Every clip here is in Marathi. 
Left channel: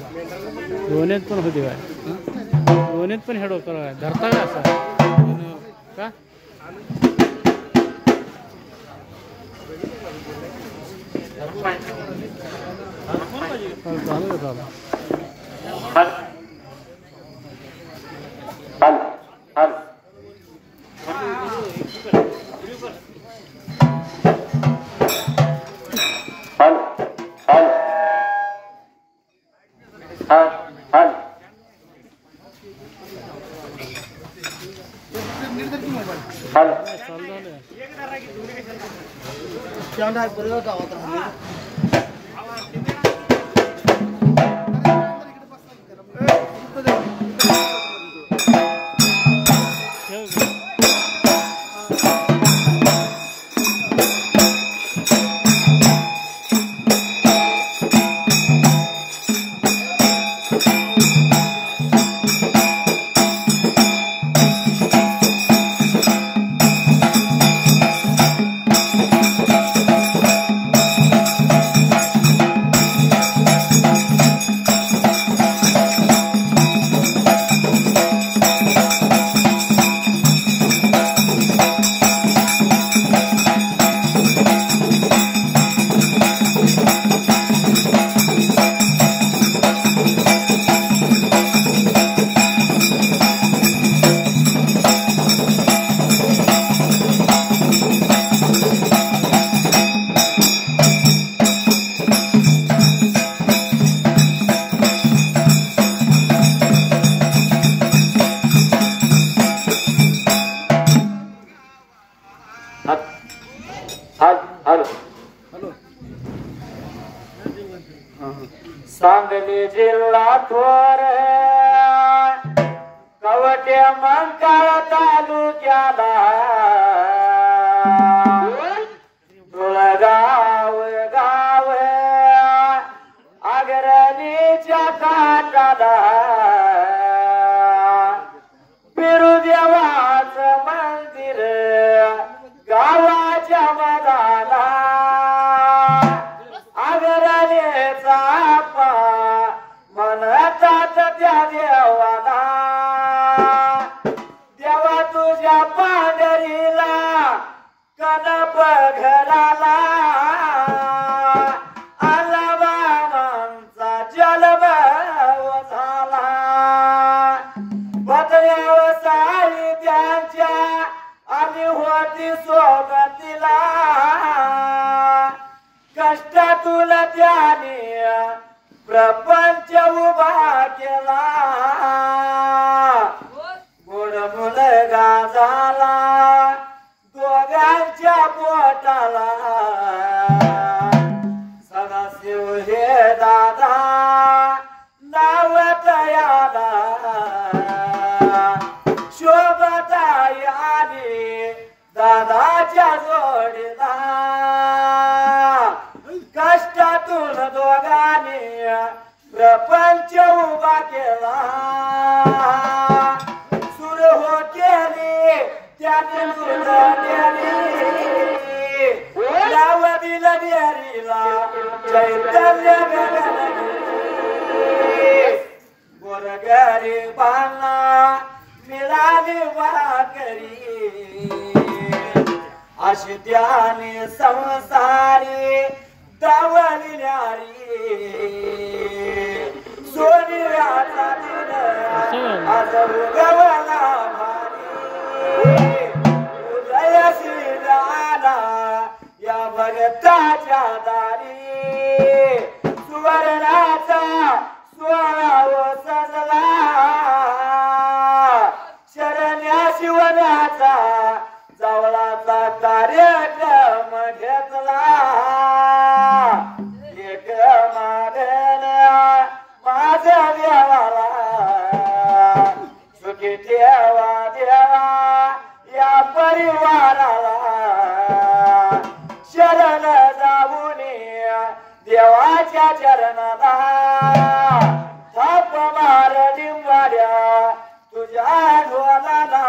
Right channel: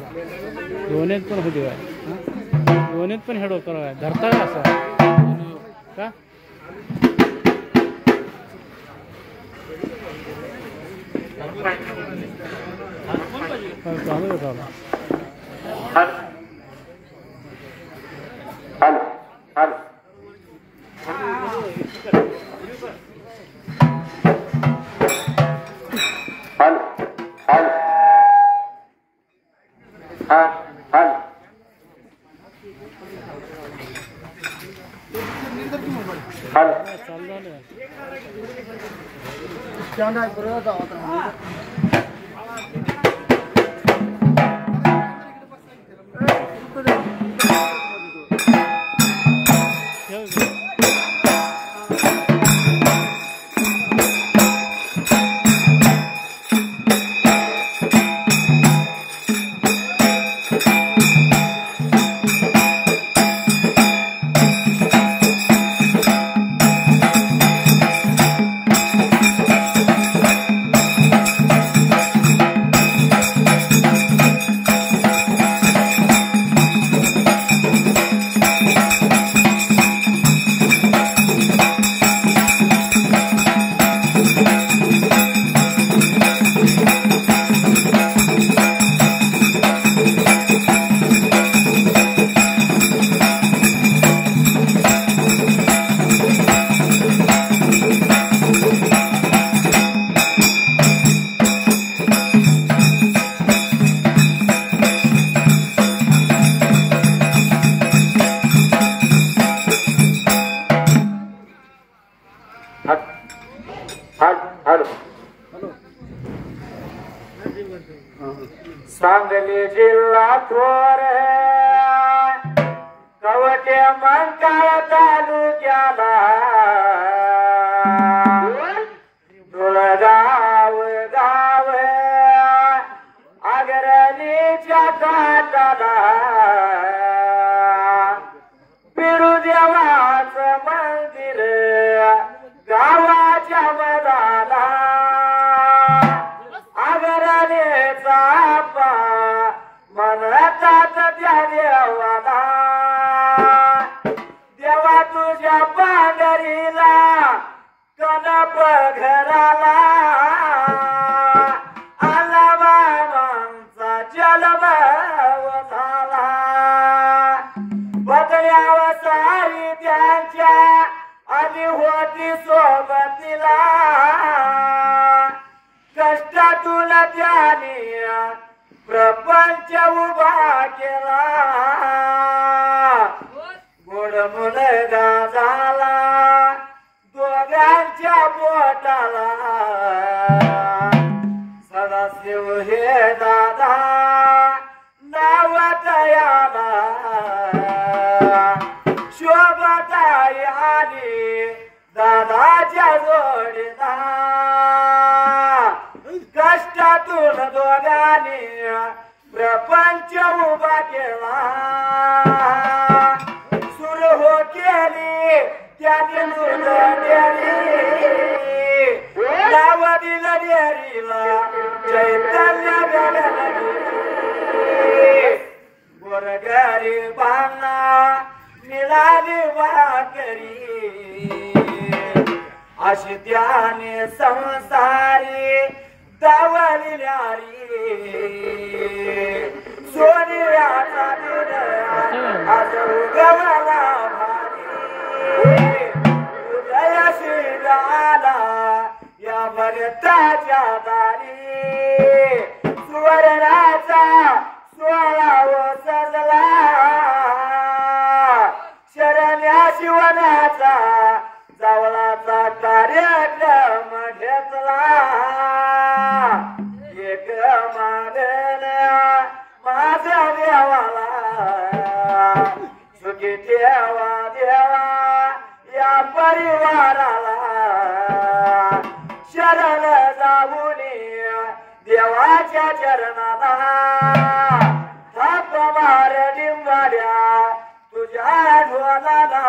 दोन्हीत पण होती काय दोन्हीत पण हेड होकर काय धरता का असं का चालू आहे चालू सांगली जिल्हा थोर कवटे मंकाळ तालुक्याला तुळगाव गाव अग्रणीच्या काठाला बिरुदेवाचं मंदिर गावाच्या मधाला म्हणतात त्या देवाला देवा तुझ्या पांढरीला कनप घराला आला बाबांचा जन्म झाला बदल्यावर सारी त्यांच्या आली होती सोबतीला कष्टातून त्याने प्रपंच उभा केला गोड मुलगा झाला दोघांच्या पोटाला सदाशिव हे दादा नाव तयाला शोभतायाने दादाच्या जोडीला कष्टातून दोघांनी प्रपंच उभा केला सुरू हो केली त्याने नाव दिलं डेरीला चैतन्य गोरगरीबांना मिळाली भाकरी अशी त्याने संसारी दावलिल्यारी सोनियाचा दिन आज उगवला भारी उदयशील आला या भगताच्या दारी सुवर्णाचा सोहळा सजला शरण्या शिवण्याचा जावळाचा कार्यक्रम घेतला एक मागण माझ्या देवाला सुखी ठेवा देवा या परिवाराला शरण जाऊन देवाच्या चरणाला थाप मार डिंबाड्या तुझ्या ढोलाला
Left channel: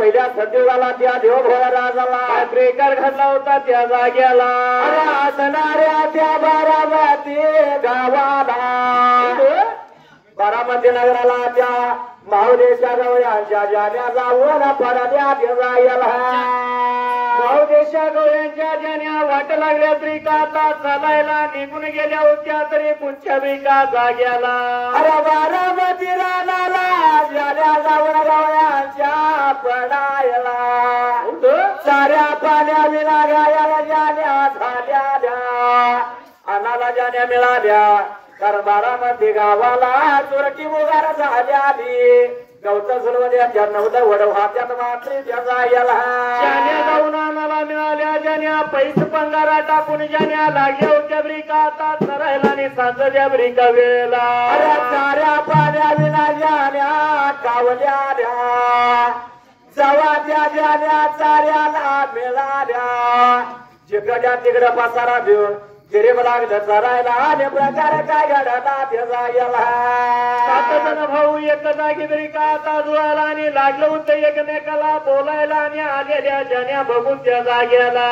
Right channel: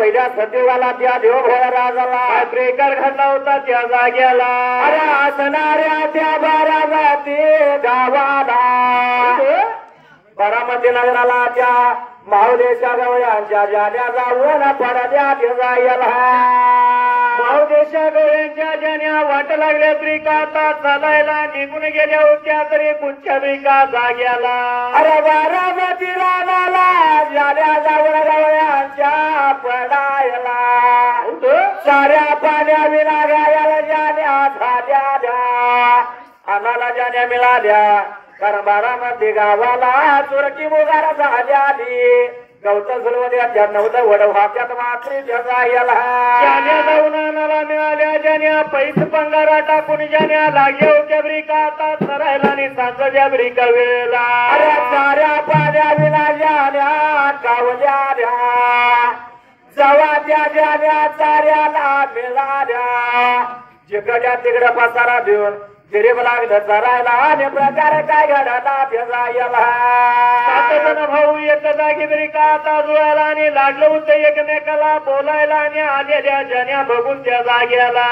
पहिल्या सतीवाला त्या देवभोळा राजाला ब्रेकर घडला होता त्या जाग्याला अरे असणाऱ्या त्या बारामती गावाला बारामती नगराला त्या माहुदेशा गवळ्यांच्या जाण्या जाऊन पडल्या जायला माहुदेशा गवळ्यांच्या जाण्या वाट लागल्या ब्रिकाता चालायला निघून गेल्या होत्या तरी कुठच्या ब्रिका जाग्याला अरे बारामती रानाला जाण्या जाऊन गवळ्यांच्या पडायला साऱ्या पाण्या विना गायाला जाण्या झाल्या आम्हाला जाण्या मिळाल्या कारण बारामती गावाला चोरटी मुगार झाली गवत सुरवण्याच्या नवलं वडवाच्यात मात्र त्याचा याला जाण्या जाऊन आणायला मिळाल्या जाण्या पैस पंगारा टाकून जाण्या लागल्या होत्या ब्रिका आता चरायला आणि सांजच्या ब्रिका वेळेला साऱ्या पाण्या विना जाण्या कावल्या जवा त्या जाण्या चाऱ्याला मिळाल्या जिकडच्या तिकडं पसारा देऊन गरीब लागलं चरायला आणि प्रकार काय घडला त्याचा याला सात जण भाऊ एक जागी ब्रिका आता जुळायला आणि लागलं होतं एकमेकाला बोलायला आणि आलेल्या जाण्या बघून त्या जाग्याला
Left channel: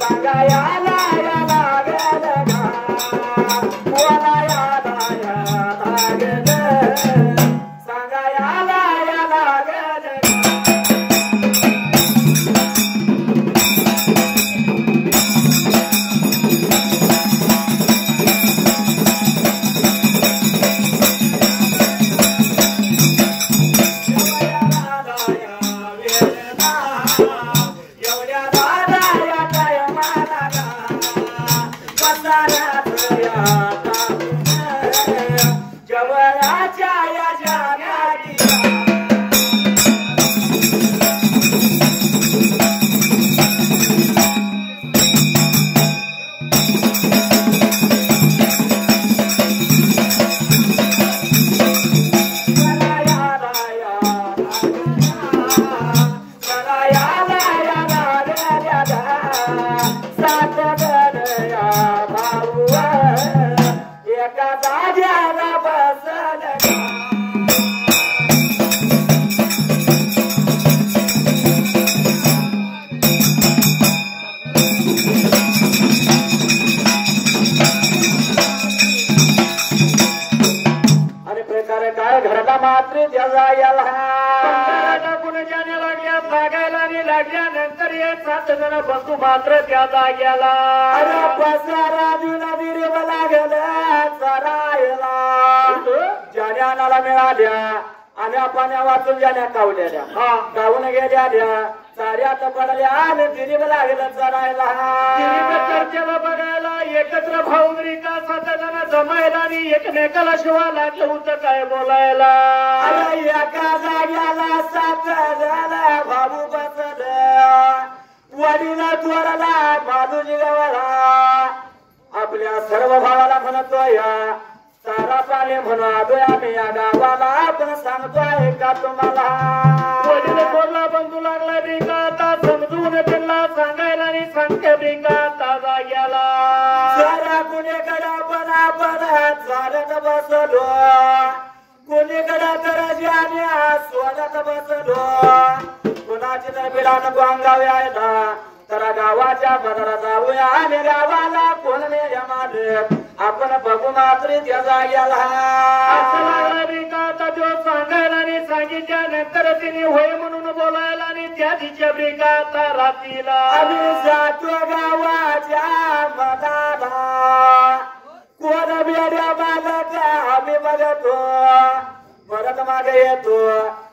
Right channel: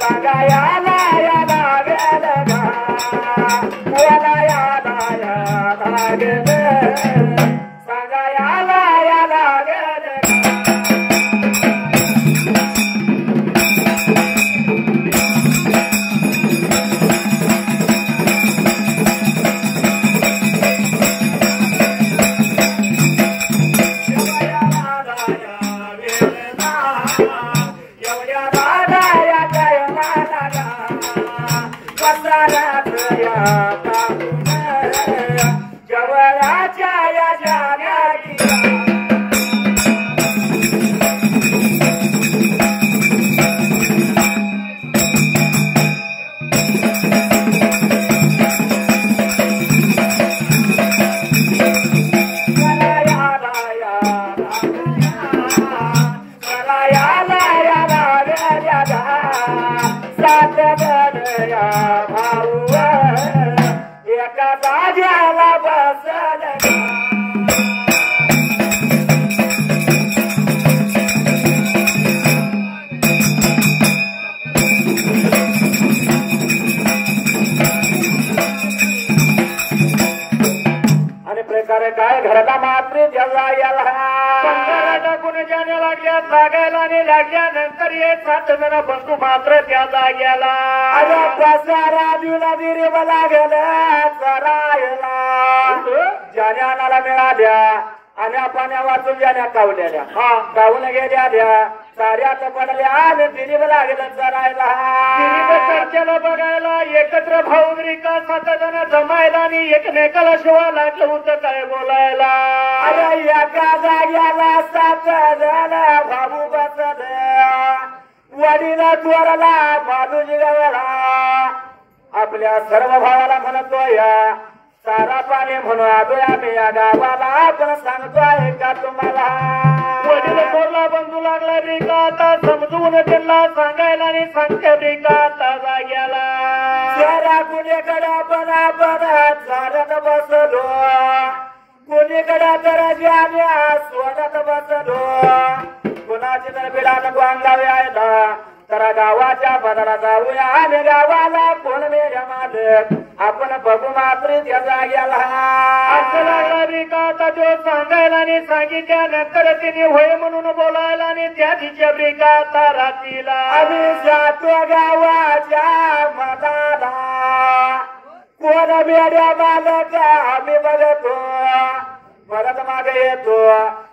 सांगायला लागेल काय घरला मात्र जगायला टाकून जाणे लागल्या जागायला आणि लागल्यानंतर हे 7 जण बंधू मात्र त्या जाग्याला अरे पसारा दिला दिरे मला गेला चरायला जाण्याला मिळाल्या आणि आपण वाचून जाण्या कावलेल्या कावून गेल्या द्या साऱ्यात पडल्या आणि दिलीप लागेल चरायला चर्चेला बघायला एकत्र भाऊरी का 7 जण जमायला आणि एकमेकाला शिवा लागलं होतं काय बोलायला अरे एका जाग्याला 7 जण भाऊ बसत वडीला चोरला बाजूजी गावाला आपल्या सर्व भावाला म्हणतोय सारा पाणी म्हणून आम्ही या गावाला आपण सांगतोय का तुम्हाला वडील चोरला बंधू लागला बिका आता समजून त्यांना सांगायला आणि सांगते बिका आता जाग्याला जरा कुणीकडे आपण झाडत बसलो कुणीकडे तर ज्याने सोडत बसलो कुणाची तर बिलान गोंगावे आहे तर गावाच्या बदला जाऊया आणि गावाला कोण मानत आपण बघू मात्र त्या जाग्याला असं लागला बिका आता तो सांगायला आणि सांगितल्यानंतर तिने होय म्हणून बोलायला आणि त्या तिच्या बिका आता रात्रीला आम्ही जातो गावाच्या मनाला कोण बेड्या मालक आम्ही बघतो परत मागे येतो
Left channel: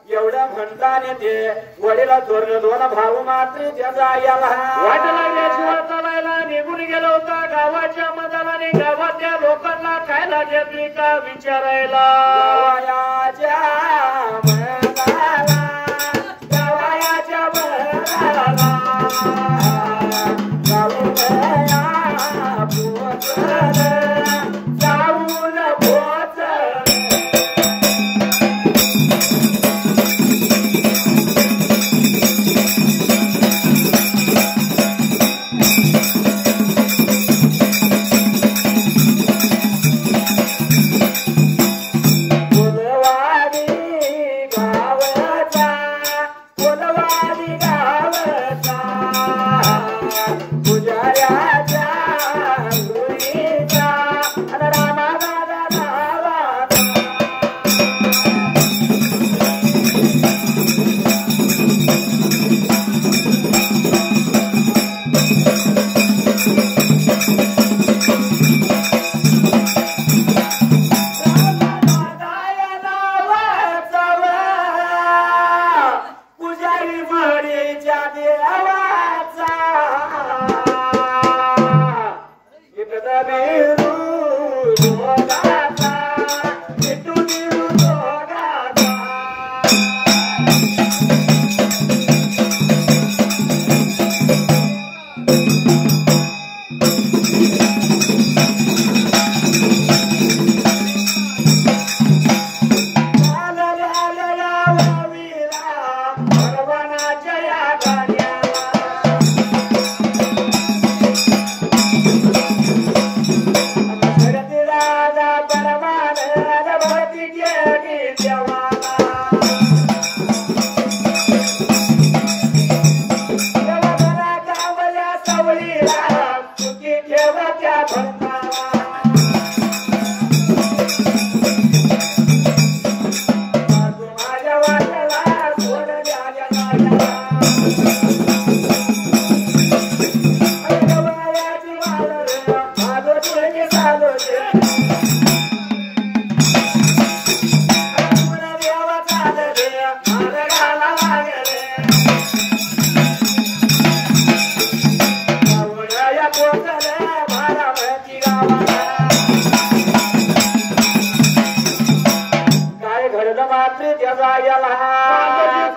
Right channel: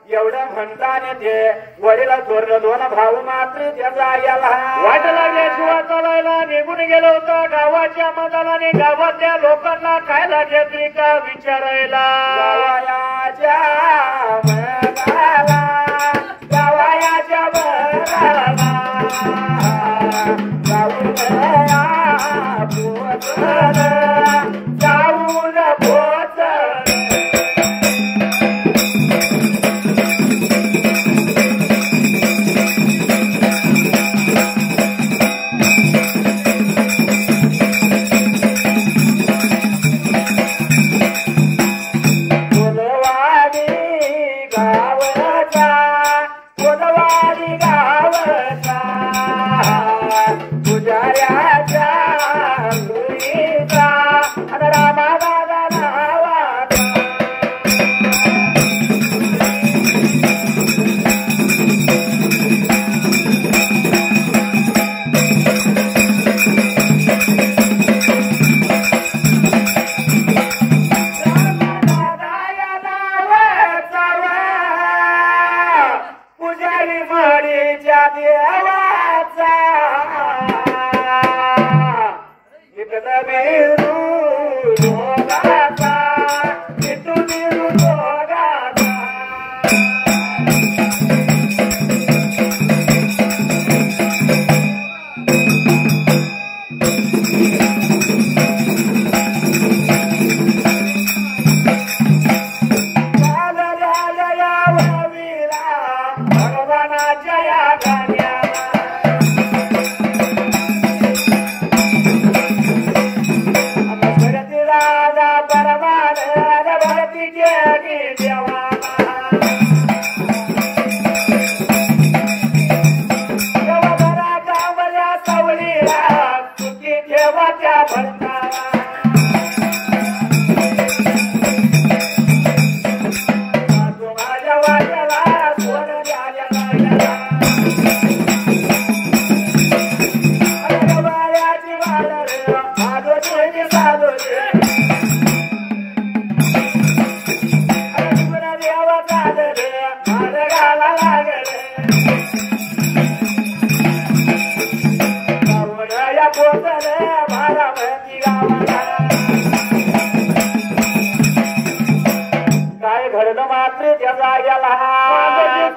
एवढं म्हणताना ते वडीला चोरलं 2 भाऊ मात्र त्या जाग्याला वाट लागल्याशिवाय चालायला निघून गेलो होता गावाच्या मदालाने गावातल्या लोकांना काय लागेल का विचारायला गावाच्या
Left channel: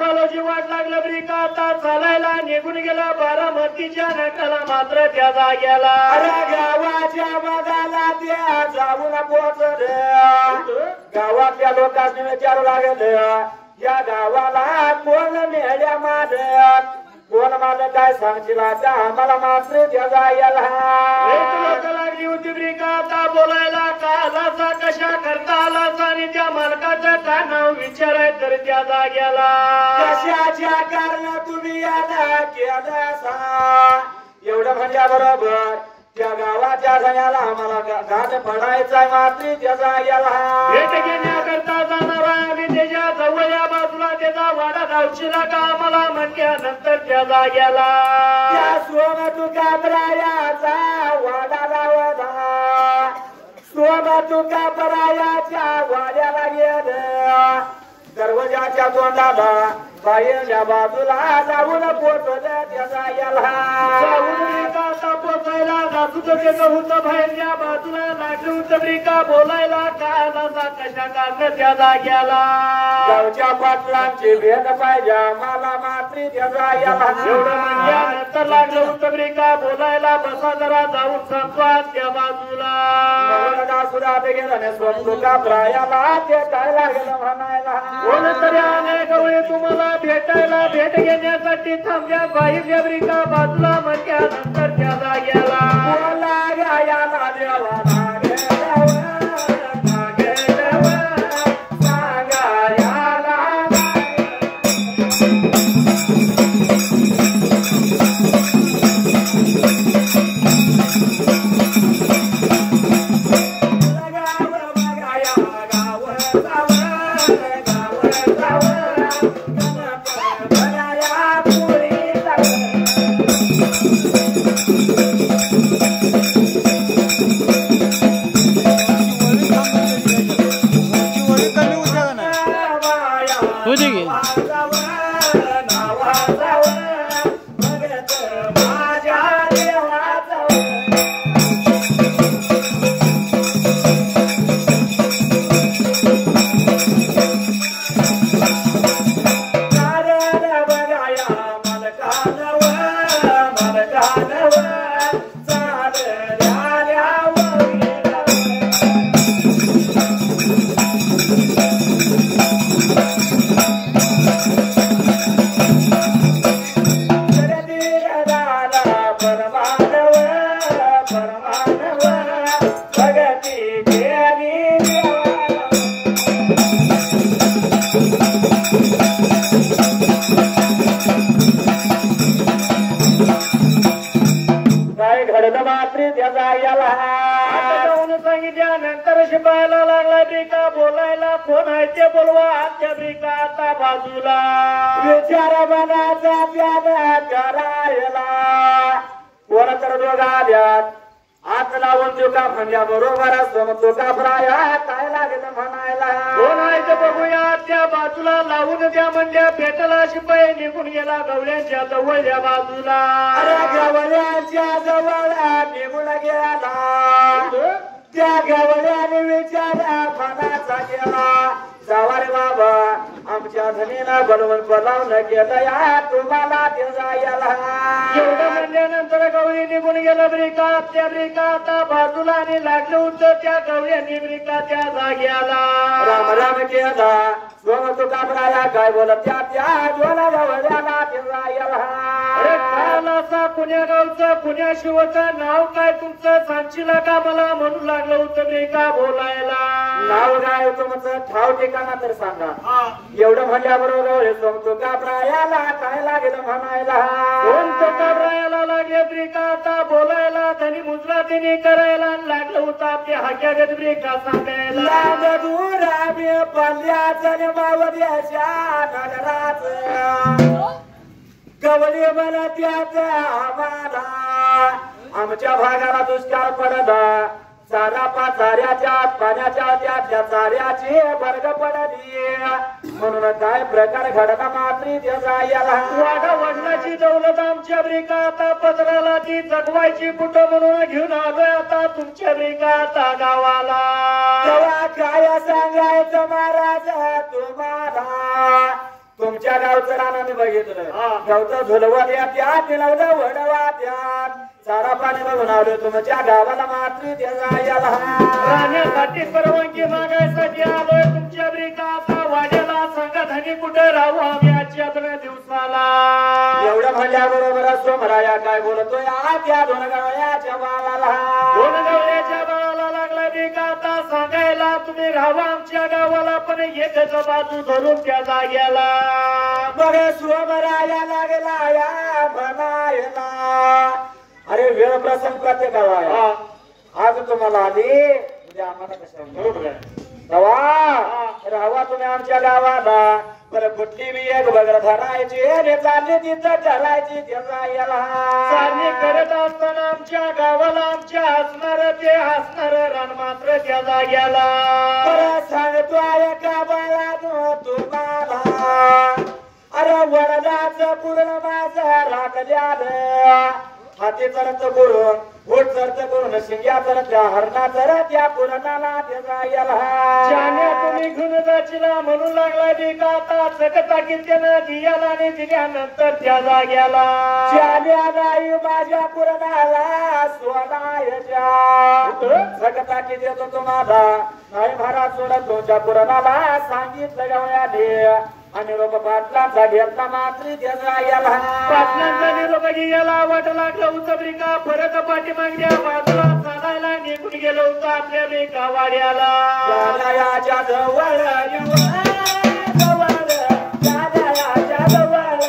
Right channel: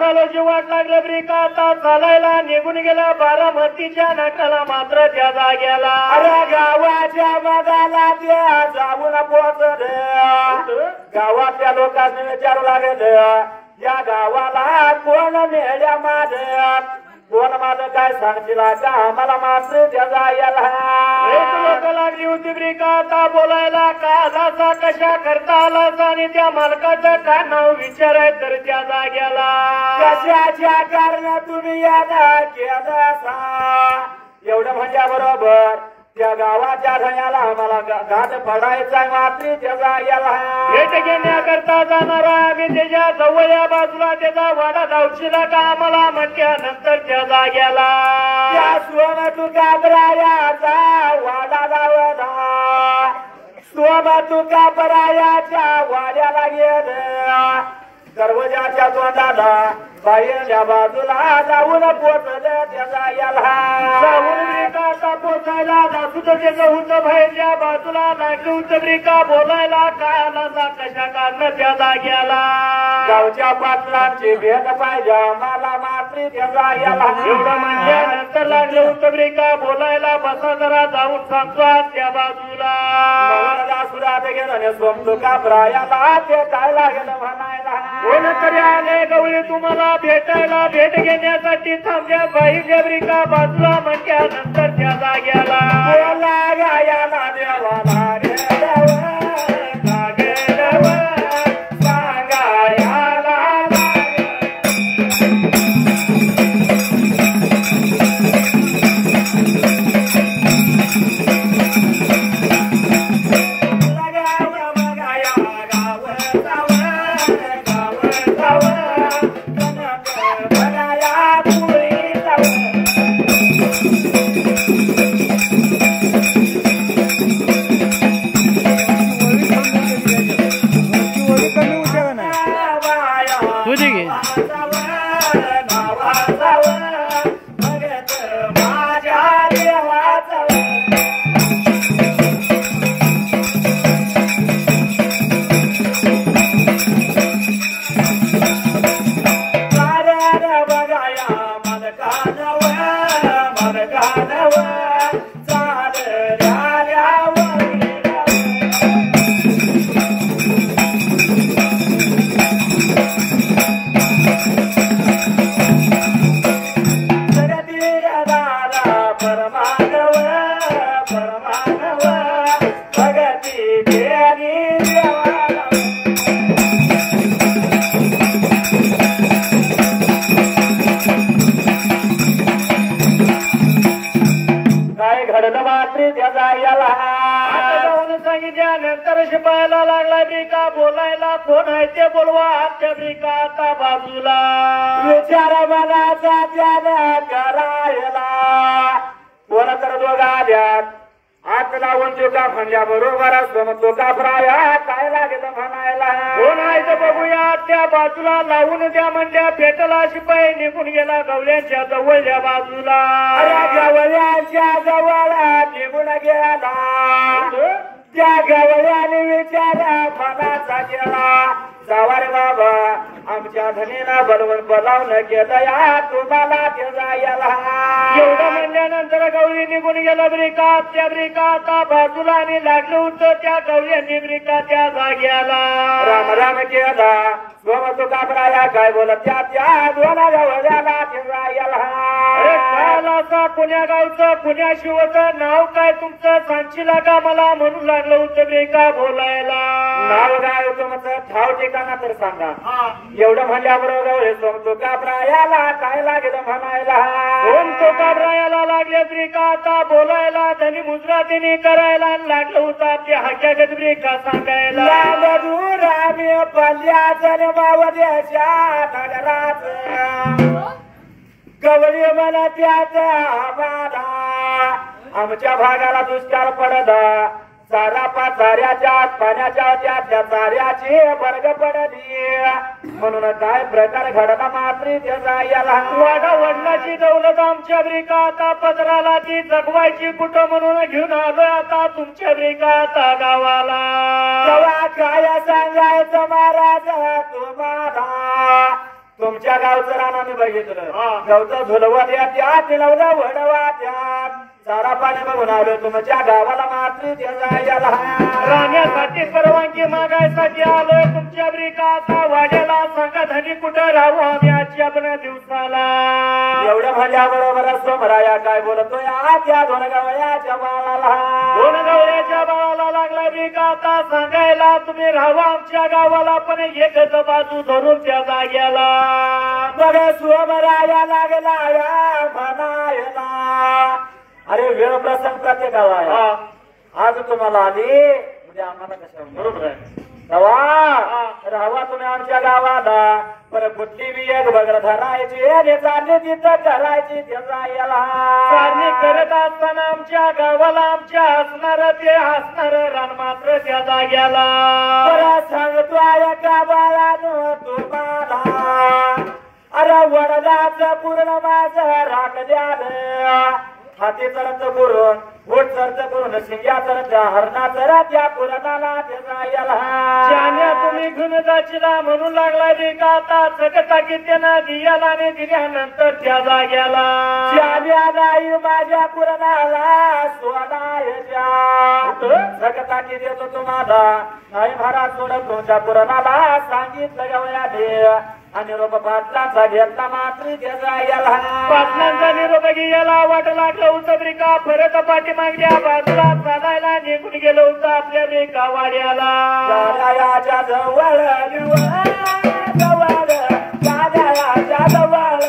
बालोची वाट लागलं ब्रिका आता चालायला निघून गेला बारामतीच्या नाट्याला मात्र त्या जाग्याला अरे गावाच्या बघायला त्या जाऊन पोहोचल गावातल्या लोकांनी विचारू लागेल या गावाला कोण मेल्या माझ्यात कोण माझं काय सांगशील आता आम्हाला मात्र त्या जाग्याला लोक लागली होती ब्रिका आता बोलायला का आलासा कशा करता आलासा आणि त्या मालकाचं काय नाव विचाराय तर त्या जाग्याला कशाच्या कारण तुम्ही यादा केला एवढं म्हणजे बरोबर त्या गावाच्या घण्याला आम्हाला घाट पडायचा मात्री त्या जाग्याला भेट घेण्याकरता जाणार आम्ही त्याच्या जवळच्या बाजूला त्याचा वाडा धावशीला का आम्हाला म्हणल्यानंतर त्या जाग्याला त्या सोन तुका बरायाचा वाडा लावला सोम तुका बरायाच्या वाड्याला गेलं दरवाजाच्या तोंडाला बाहेरच्या बाजूला जाऊन पोचलं त्या जाग्याला जाऊन पोचायला जासून त्याचं होतं बाहेरच्या बाजूला लागलं होतं ब्रिका बोलायला कानाचा कशा काढणं त्या जाग्याला गावच्या पाटलांची भेट पाहिजे मला मात्री त्या जाग्याला एवढं म्हणल्यानंतर लागलं होतं ब्रिका बोलायला बसा जरा जाऊन सांगतोय त्या बाजूला सुद्धा गेला स्वतः का प्रायाला ते काय लागलं म्हणायला कोणतरी आले गवळी तुम्हाला भेटायला भेट घेण्यासाठी थांबल्या बाहेरच्या ब्रिका बाजूला म्हटल्यानंतर त्या जाग्याला गायाला देवाला सांगितल्यानंतर शिपायला लागला ब्रिका बोलायला कोण आहे ते बोलवा आजच्या ब्रिका आता बाजूला विचार मनाचा त्याला करायला कोण तर दोघा आल्यात हात लावून तुका म्हणजे बरोबर असतो तुका प्राय काय लागेल म्हणायला कोण आहे ते बघूया त्या बाजूला लावून द्या म्हणजे भेटला शिपाई निघून गेला गवळ्यांच्या जवळच्या बाजूला गवळ्यांच्या जवळ निघून गेला त्या गवळ्याने विचारा फणाचा गेला जावारे बाबा आमच्या धनीला बनवून बोलावणं केलं या तुम्हाला ते जायला एवढं म्हणल्यानंतर गवळी निघून गेलं ब्रिका त्या ब्रिका आता बाजूला आणि लागलं होतं त्या गवळ्यांनी ब्रिका त्या जाग्याला राम राम केला सोम तुका बराया काय बोलत त्या दोला गवळ्याला ते जायला असा पुण्या गावचं पुण्या शिवचं नाव काय तुमचं सांगशील का मला म्हणून लागलं होतं ब्रिका बोलायला नाव काय तुमचं ठाव ठिकाणा तर सांगा एवढं म्हणल्याबरोबर सोमतो काबरायाला काय लागेल म्हणायला सोमतो काबरायाला लागले ब्रिका आता बोलायला धनी मुजरातीने करायला लागलं होतं आपल्या हाक्यागत ब्रिका सांगायला दूर आम्ही पल्ल्या जन्मावद्याच्या नगरात गवळी मला त्याचा आम्हाला आमच्या भागाला दुष्काळ पडला सारा पाचाऱ्याच्या पाण्याच्या त्या चाऱ्याची वर्ग पडली म्हणून काय प्रकार घडला मात्री त्याचा याला वाडा वडनाची दौलत आमच्या ब्रिका आता पदराला ती जगवायची कुठं म्हणून घेऊन आलोय आता तुमच्या ब्रिका आता गावाला काय सांगायचं महाराज तुम्हाला तुमच्या गावचं रान आम्ही बघितलं गावचं झुलवा द्या त्या तिलवलं वडवा त्या चारा पाणी बघून आलो तुमच्या गावाला मात्र त्याला राहण्यासाठी परवानगी मागायसाठी आलोय तुमच्या ब्रिकाचा वाड्याला सांगा धनी कुठे राहू आम्ही आजच्या दिवसाला एवढं म्हणल्याबरोबर सोमराया काय बोलतोय आज या दोन गवळ्याच्या बाळाला लागला ब्रिकाचा सांगायला तुम्ही राहा आमच्या गावाला पण एकच बाजू धरून त्या जाग्याला बघा सोमराया लागला या म्हणायला अरे वेळ प्रसंग प्रत्येक गाव आहे आज तुम्हाला आली म्हणजे आम्हाला कशा बरोबर आहे राहा तुम्ही आमच्या गावाला बरं कुठली बी एक बगर धरायची आणि चालली तिथं ठरायची त्याचा याला चालणी करत असताना आमच्या गावाला आमच्या हसणार ते हसणार रान मात्र त्या जाग्याला सांगतो एका बाळा तुम्हाला अरे वडलाचं पूर्ण माझं राखल्यानं हाती चरत करून घोट चरत करून शिंग्या चरत हरणा चरत या पुरणाला त्याला तुम्ही घेऊन जाचीला म्हणून लागला रे का आता सकता की त्यांना दियाला ने दिल्यानंतर त्या जाग्याला चाल्या नाही माझ्या पुरणाला सोडायच्या सकता की देतो तुम्हाला नाही महाराज सोडत तुमच्या पुरणाला सांगितलं गवळ्याने आणि रोप पाटलाचा घेतला मात्र त्याचा याला पाटलांचा निरोप घ्यायला वाट लागलं होतं ब्रिका परत पाठी मागल्या बाजूला चालायला निघून गेलो होतं आपल्या ब्रिका वाड्याला दादायाच्या जवळ दादायाच्या जवळ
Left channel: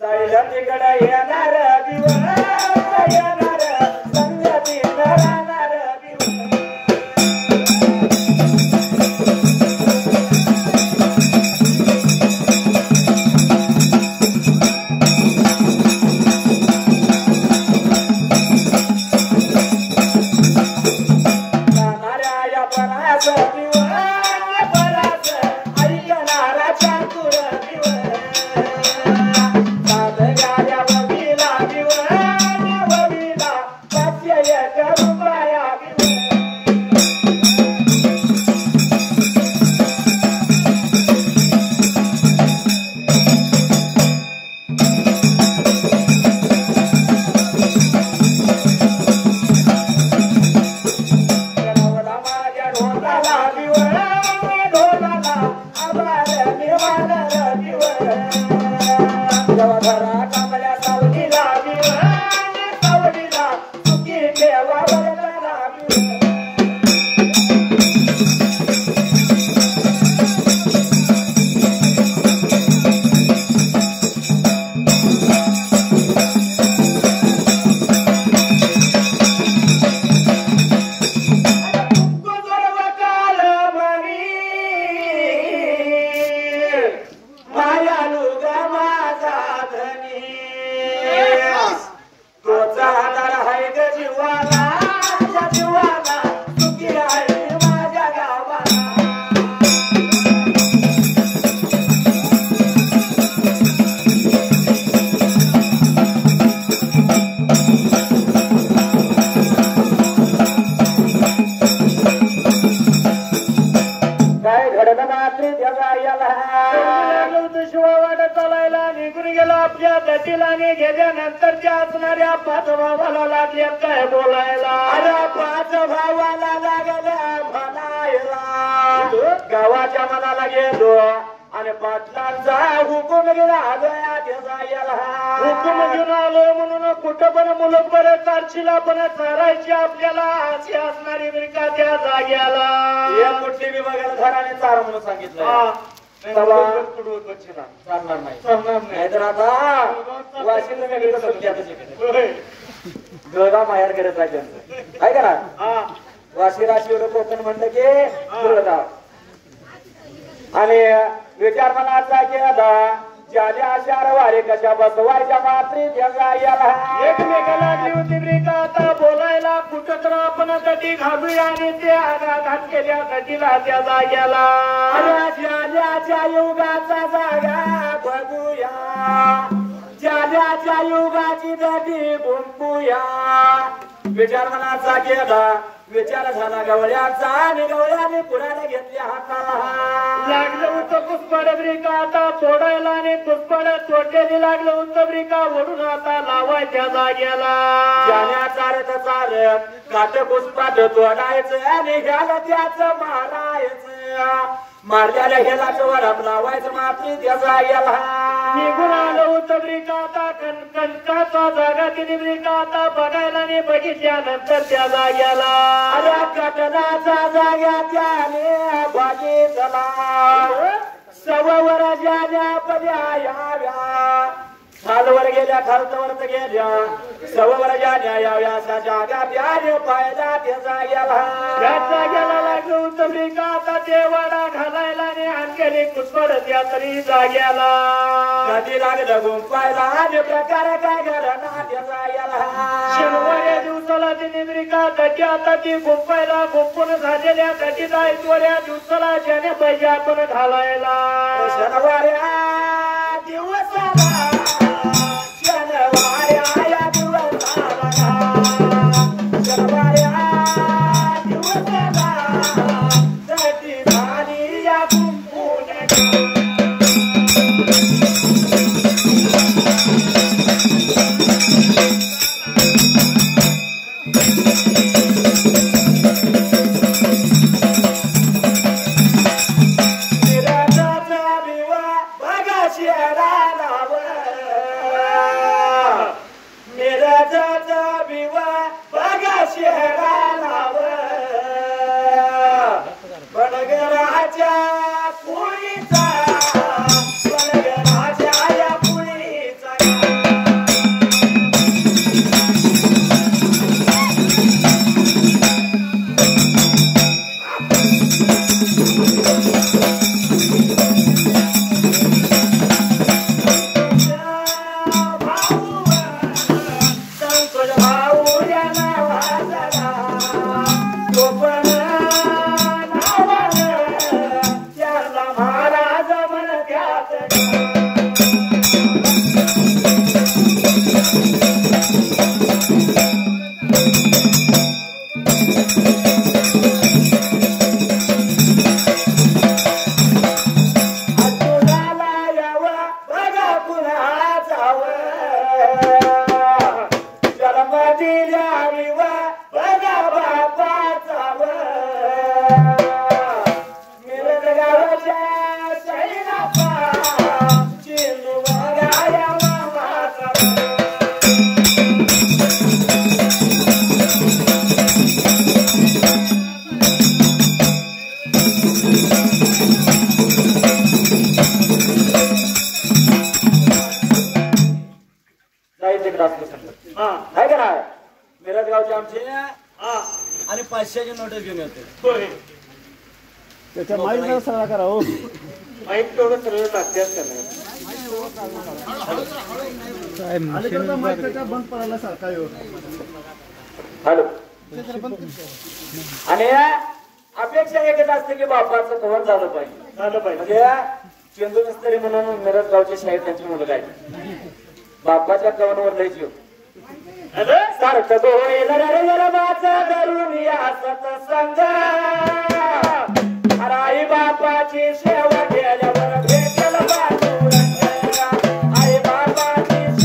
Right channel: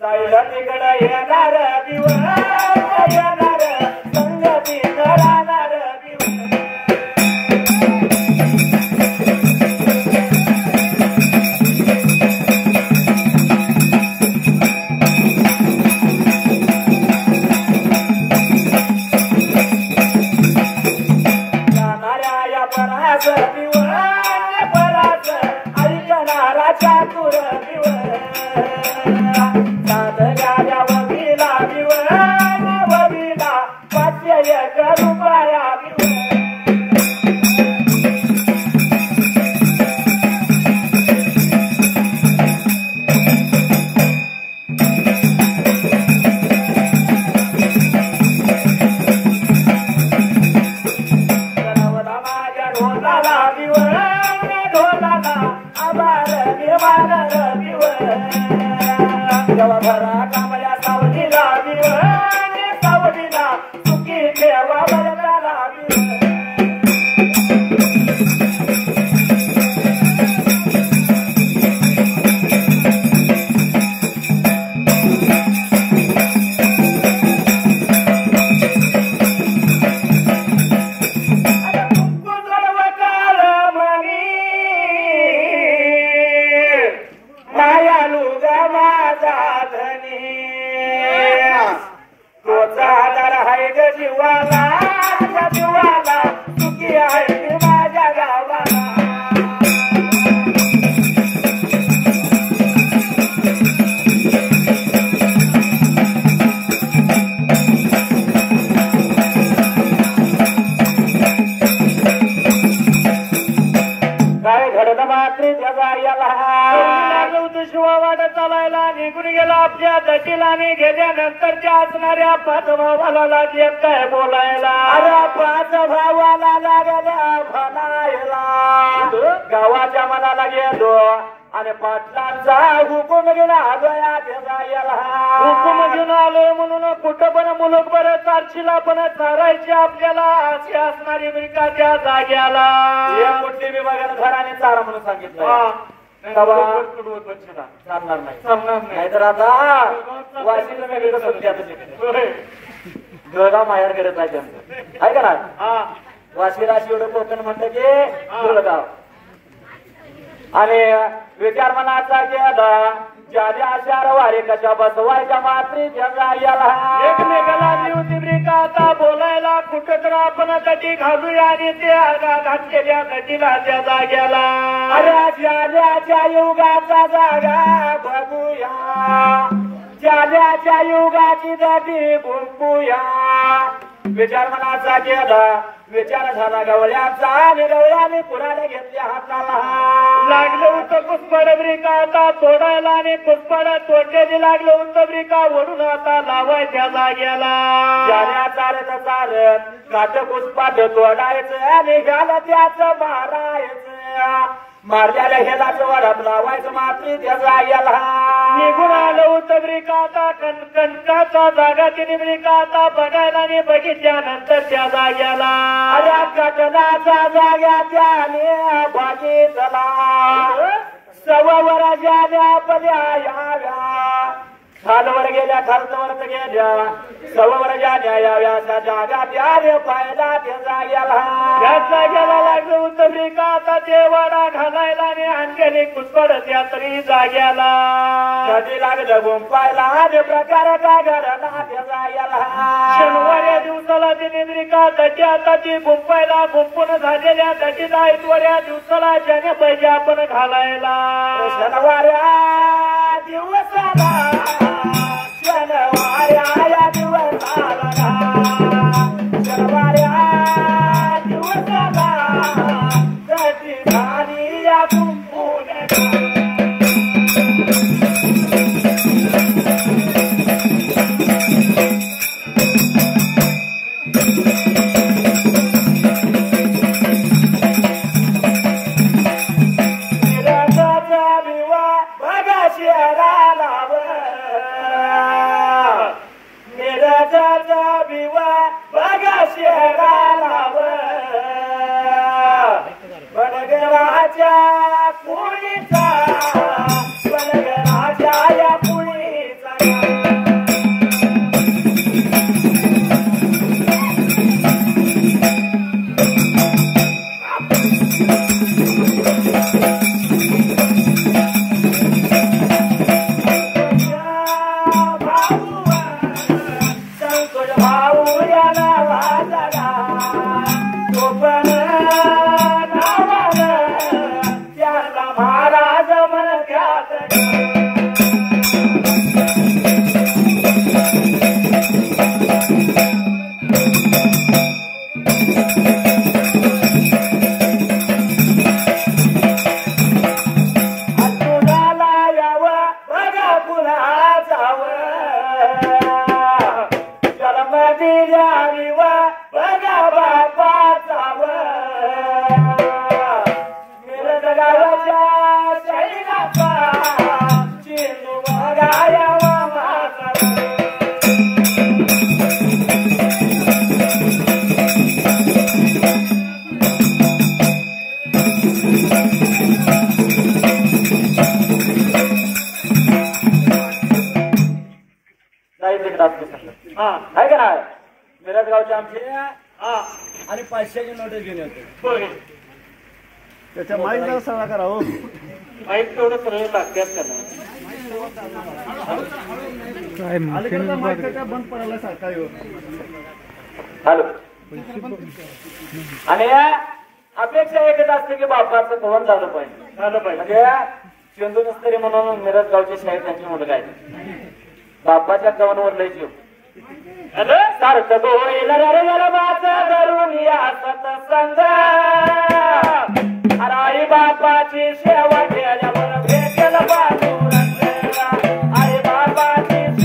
जायला तिकडे येणार दिवस दटीलाने गेल्यानंतरच्या असणाऱ्या पाच भावाला लागले काय बोलायला. अरे पाच भावाला लागल्या म्हणायला गावाच्या मनाला गेलो आणि पाटलांचा हुकूम गेला आगया त्याला हुकूम घेऊन आलो म्हणून कुठं पण मुलूक बरं चारशीला पण चारायची आपल्याला अशी असणारी बिका त्या जाग्याला. हे कुठली विभागाला घराने चारा म्हणून सांगितलं चालणार नाही तर आता वाशीला वेगळं समजते आता तिकडे जळगाव माहेरकडे जायचं आहे का ना. वाशी राशी एवढं कोकण म्हणलं की जळगाव आणि विचार मनाचा केला ज्याने आशार वारे कशा बसवायच्या मात्री एकमेकाला होती ब्रिका आता बोलायला कुठं तर आपण कधी घालूया आणि ते घातलेल्या कधीला त्या जाग्याला. अरे ज्याच्या युगाचा जागा बघूया ज्याच्या युगाची दाटी गुंपूया. विचार मनाचा केला विचार झाला गवळ्याचा आणि गवळ्याने पुराने घेतल्या हाताला लागलं होतं कुसपड ब्रिका आता तोडायला आणि कुसपड तोडलेली लागलं होतं ब्रिका ओढून आता लावायच्या जाग्याला. ज्याने चारत चारत काट कुसपाट तोडायचं आणि घ्याला त्याचं मारायचं मारल्याला हेलाच वडाप लावायचं मात्री त्या जाग्याला. निघून आलं होतं ब्रिका आता कणकाचा जागा तिने ब्रिका आता बघायला आणि बघितल्यानंतर त्या जाग्याला. अरे कटनाचा जाग्या त्याने बघितला सववर ज्याने पद्या याव्या खालवर गेल्या खालवर गेल्या सववर ज्याने याव्या असा जागा त्याने पाहिला त्या जाग्याला लागलं होतं ब्रिका आता ते वाडा घालायला आणि आणखी कुसपड त्या तरी जाग्याला. कधी लागलं गुंपायला आणि प्रकार काय घडला त्या जाग्याला. शनिवाऱ्या दिवसाला तिने ब्रिका दटी आता ती गुंपायला गुंपून झालेल्या दटीला ऐकवाऱ्या दिवसाला ज्याने पाहिजे आपण घालायला. शनिवाऱ्या दिवसाला शनिवाऱ्या दिवसाला शनिवाऱ्या दिवसाला दटी झाली या गुंपून आहे का नाही मिरज गावचे आमचे आणि 500ची नोटीस घेऊन येतो. त्याच्या माईक सगळा करा हो माईक तेवढं सरळ लागतात का नाही. बंद पडायला सारखा हॅलो आणि अपेक्षा एकच असते की बापाचं धोरण झालं पाहिजे म्हणजे चेंदू नसतरी म्हणून मिरज गावचे शाहीर त्यांची मुलं आहे बापाच्या कवनवर लय जीव सारखं गोईल धरून या सत्संग आई बापाची सेवा केल्यावर भेटेल आई बापाची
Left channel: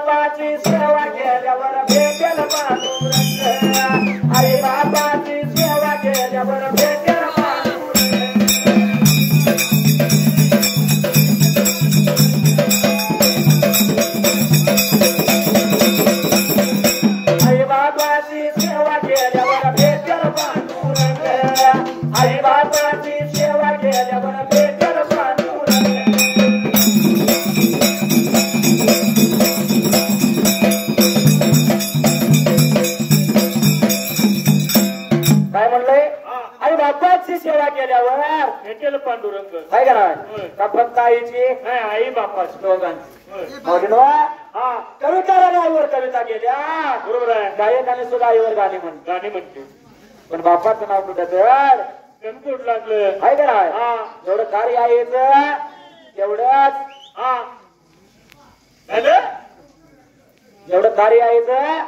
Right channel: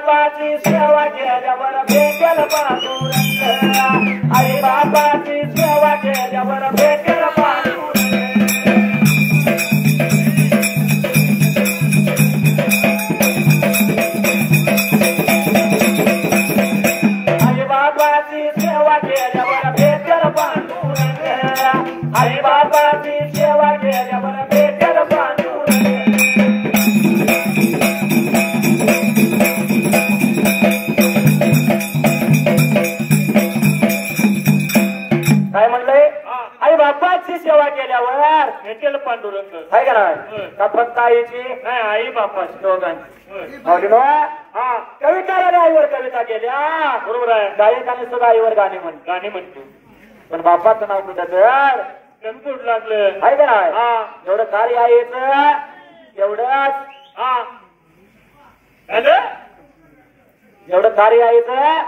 बापाची सेवा केल्यावर भेटेल पांडुरंग आई बापाची सेवा केल्यावर भेटेल पांडुरंग आई बापाची सेवा केल्यावर भेटेल पांडुरंग आई बापाची सेवा केल्यावर भेटेल पांडुरंग काय म्हणलंय आई बापाची सेवा केल्यावर भेटेल पांडुरंग आहे का नाही का फक्त आईची नाही आई बापाची दोघांची कविताने आईवर कविता केल्या बरोबर आहे गायकाने सुद्धा आईवर गाणी म्हणतात गाणी म्हणते पण बापाचं नाव कुठं तर कणकुट लागलं आहे का नाही जेवढं कार्य आईचं तेवढंच जेवढं कार्य आईचं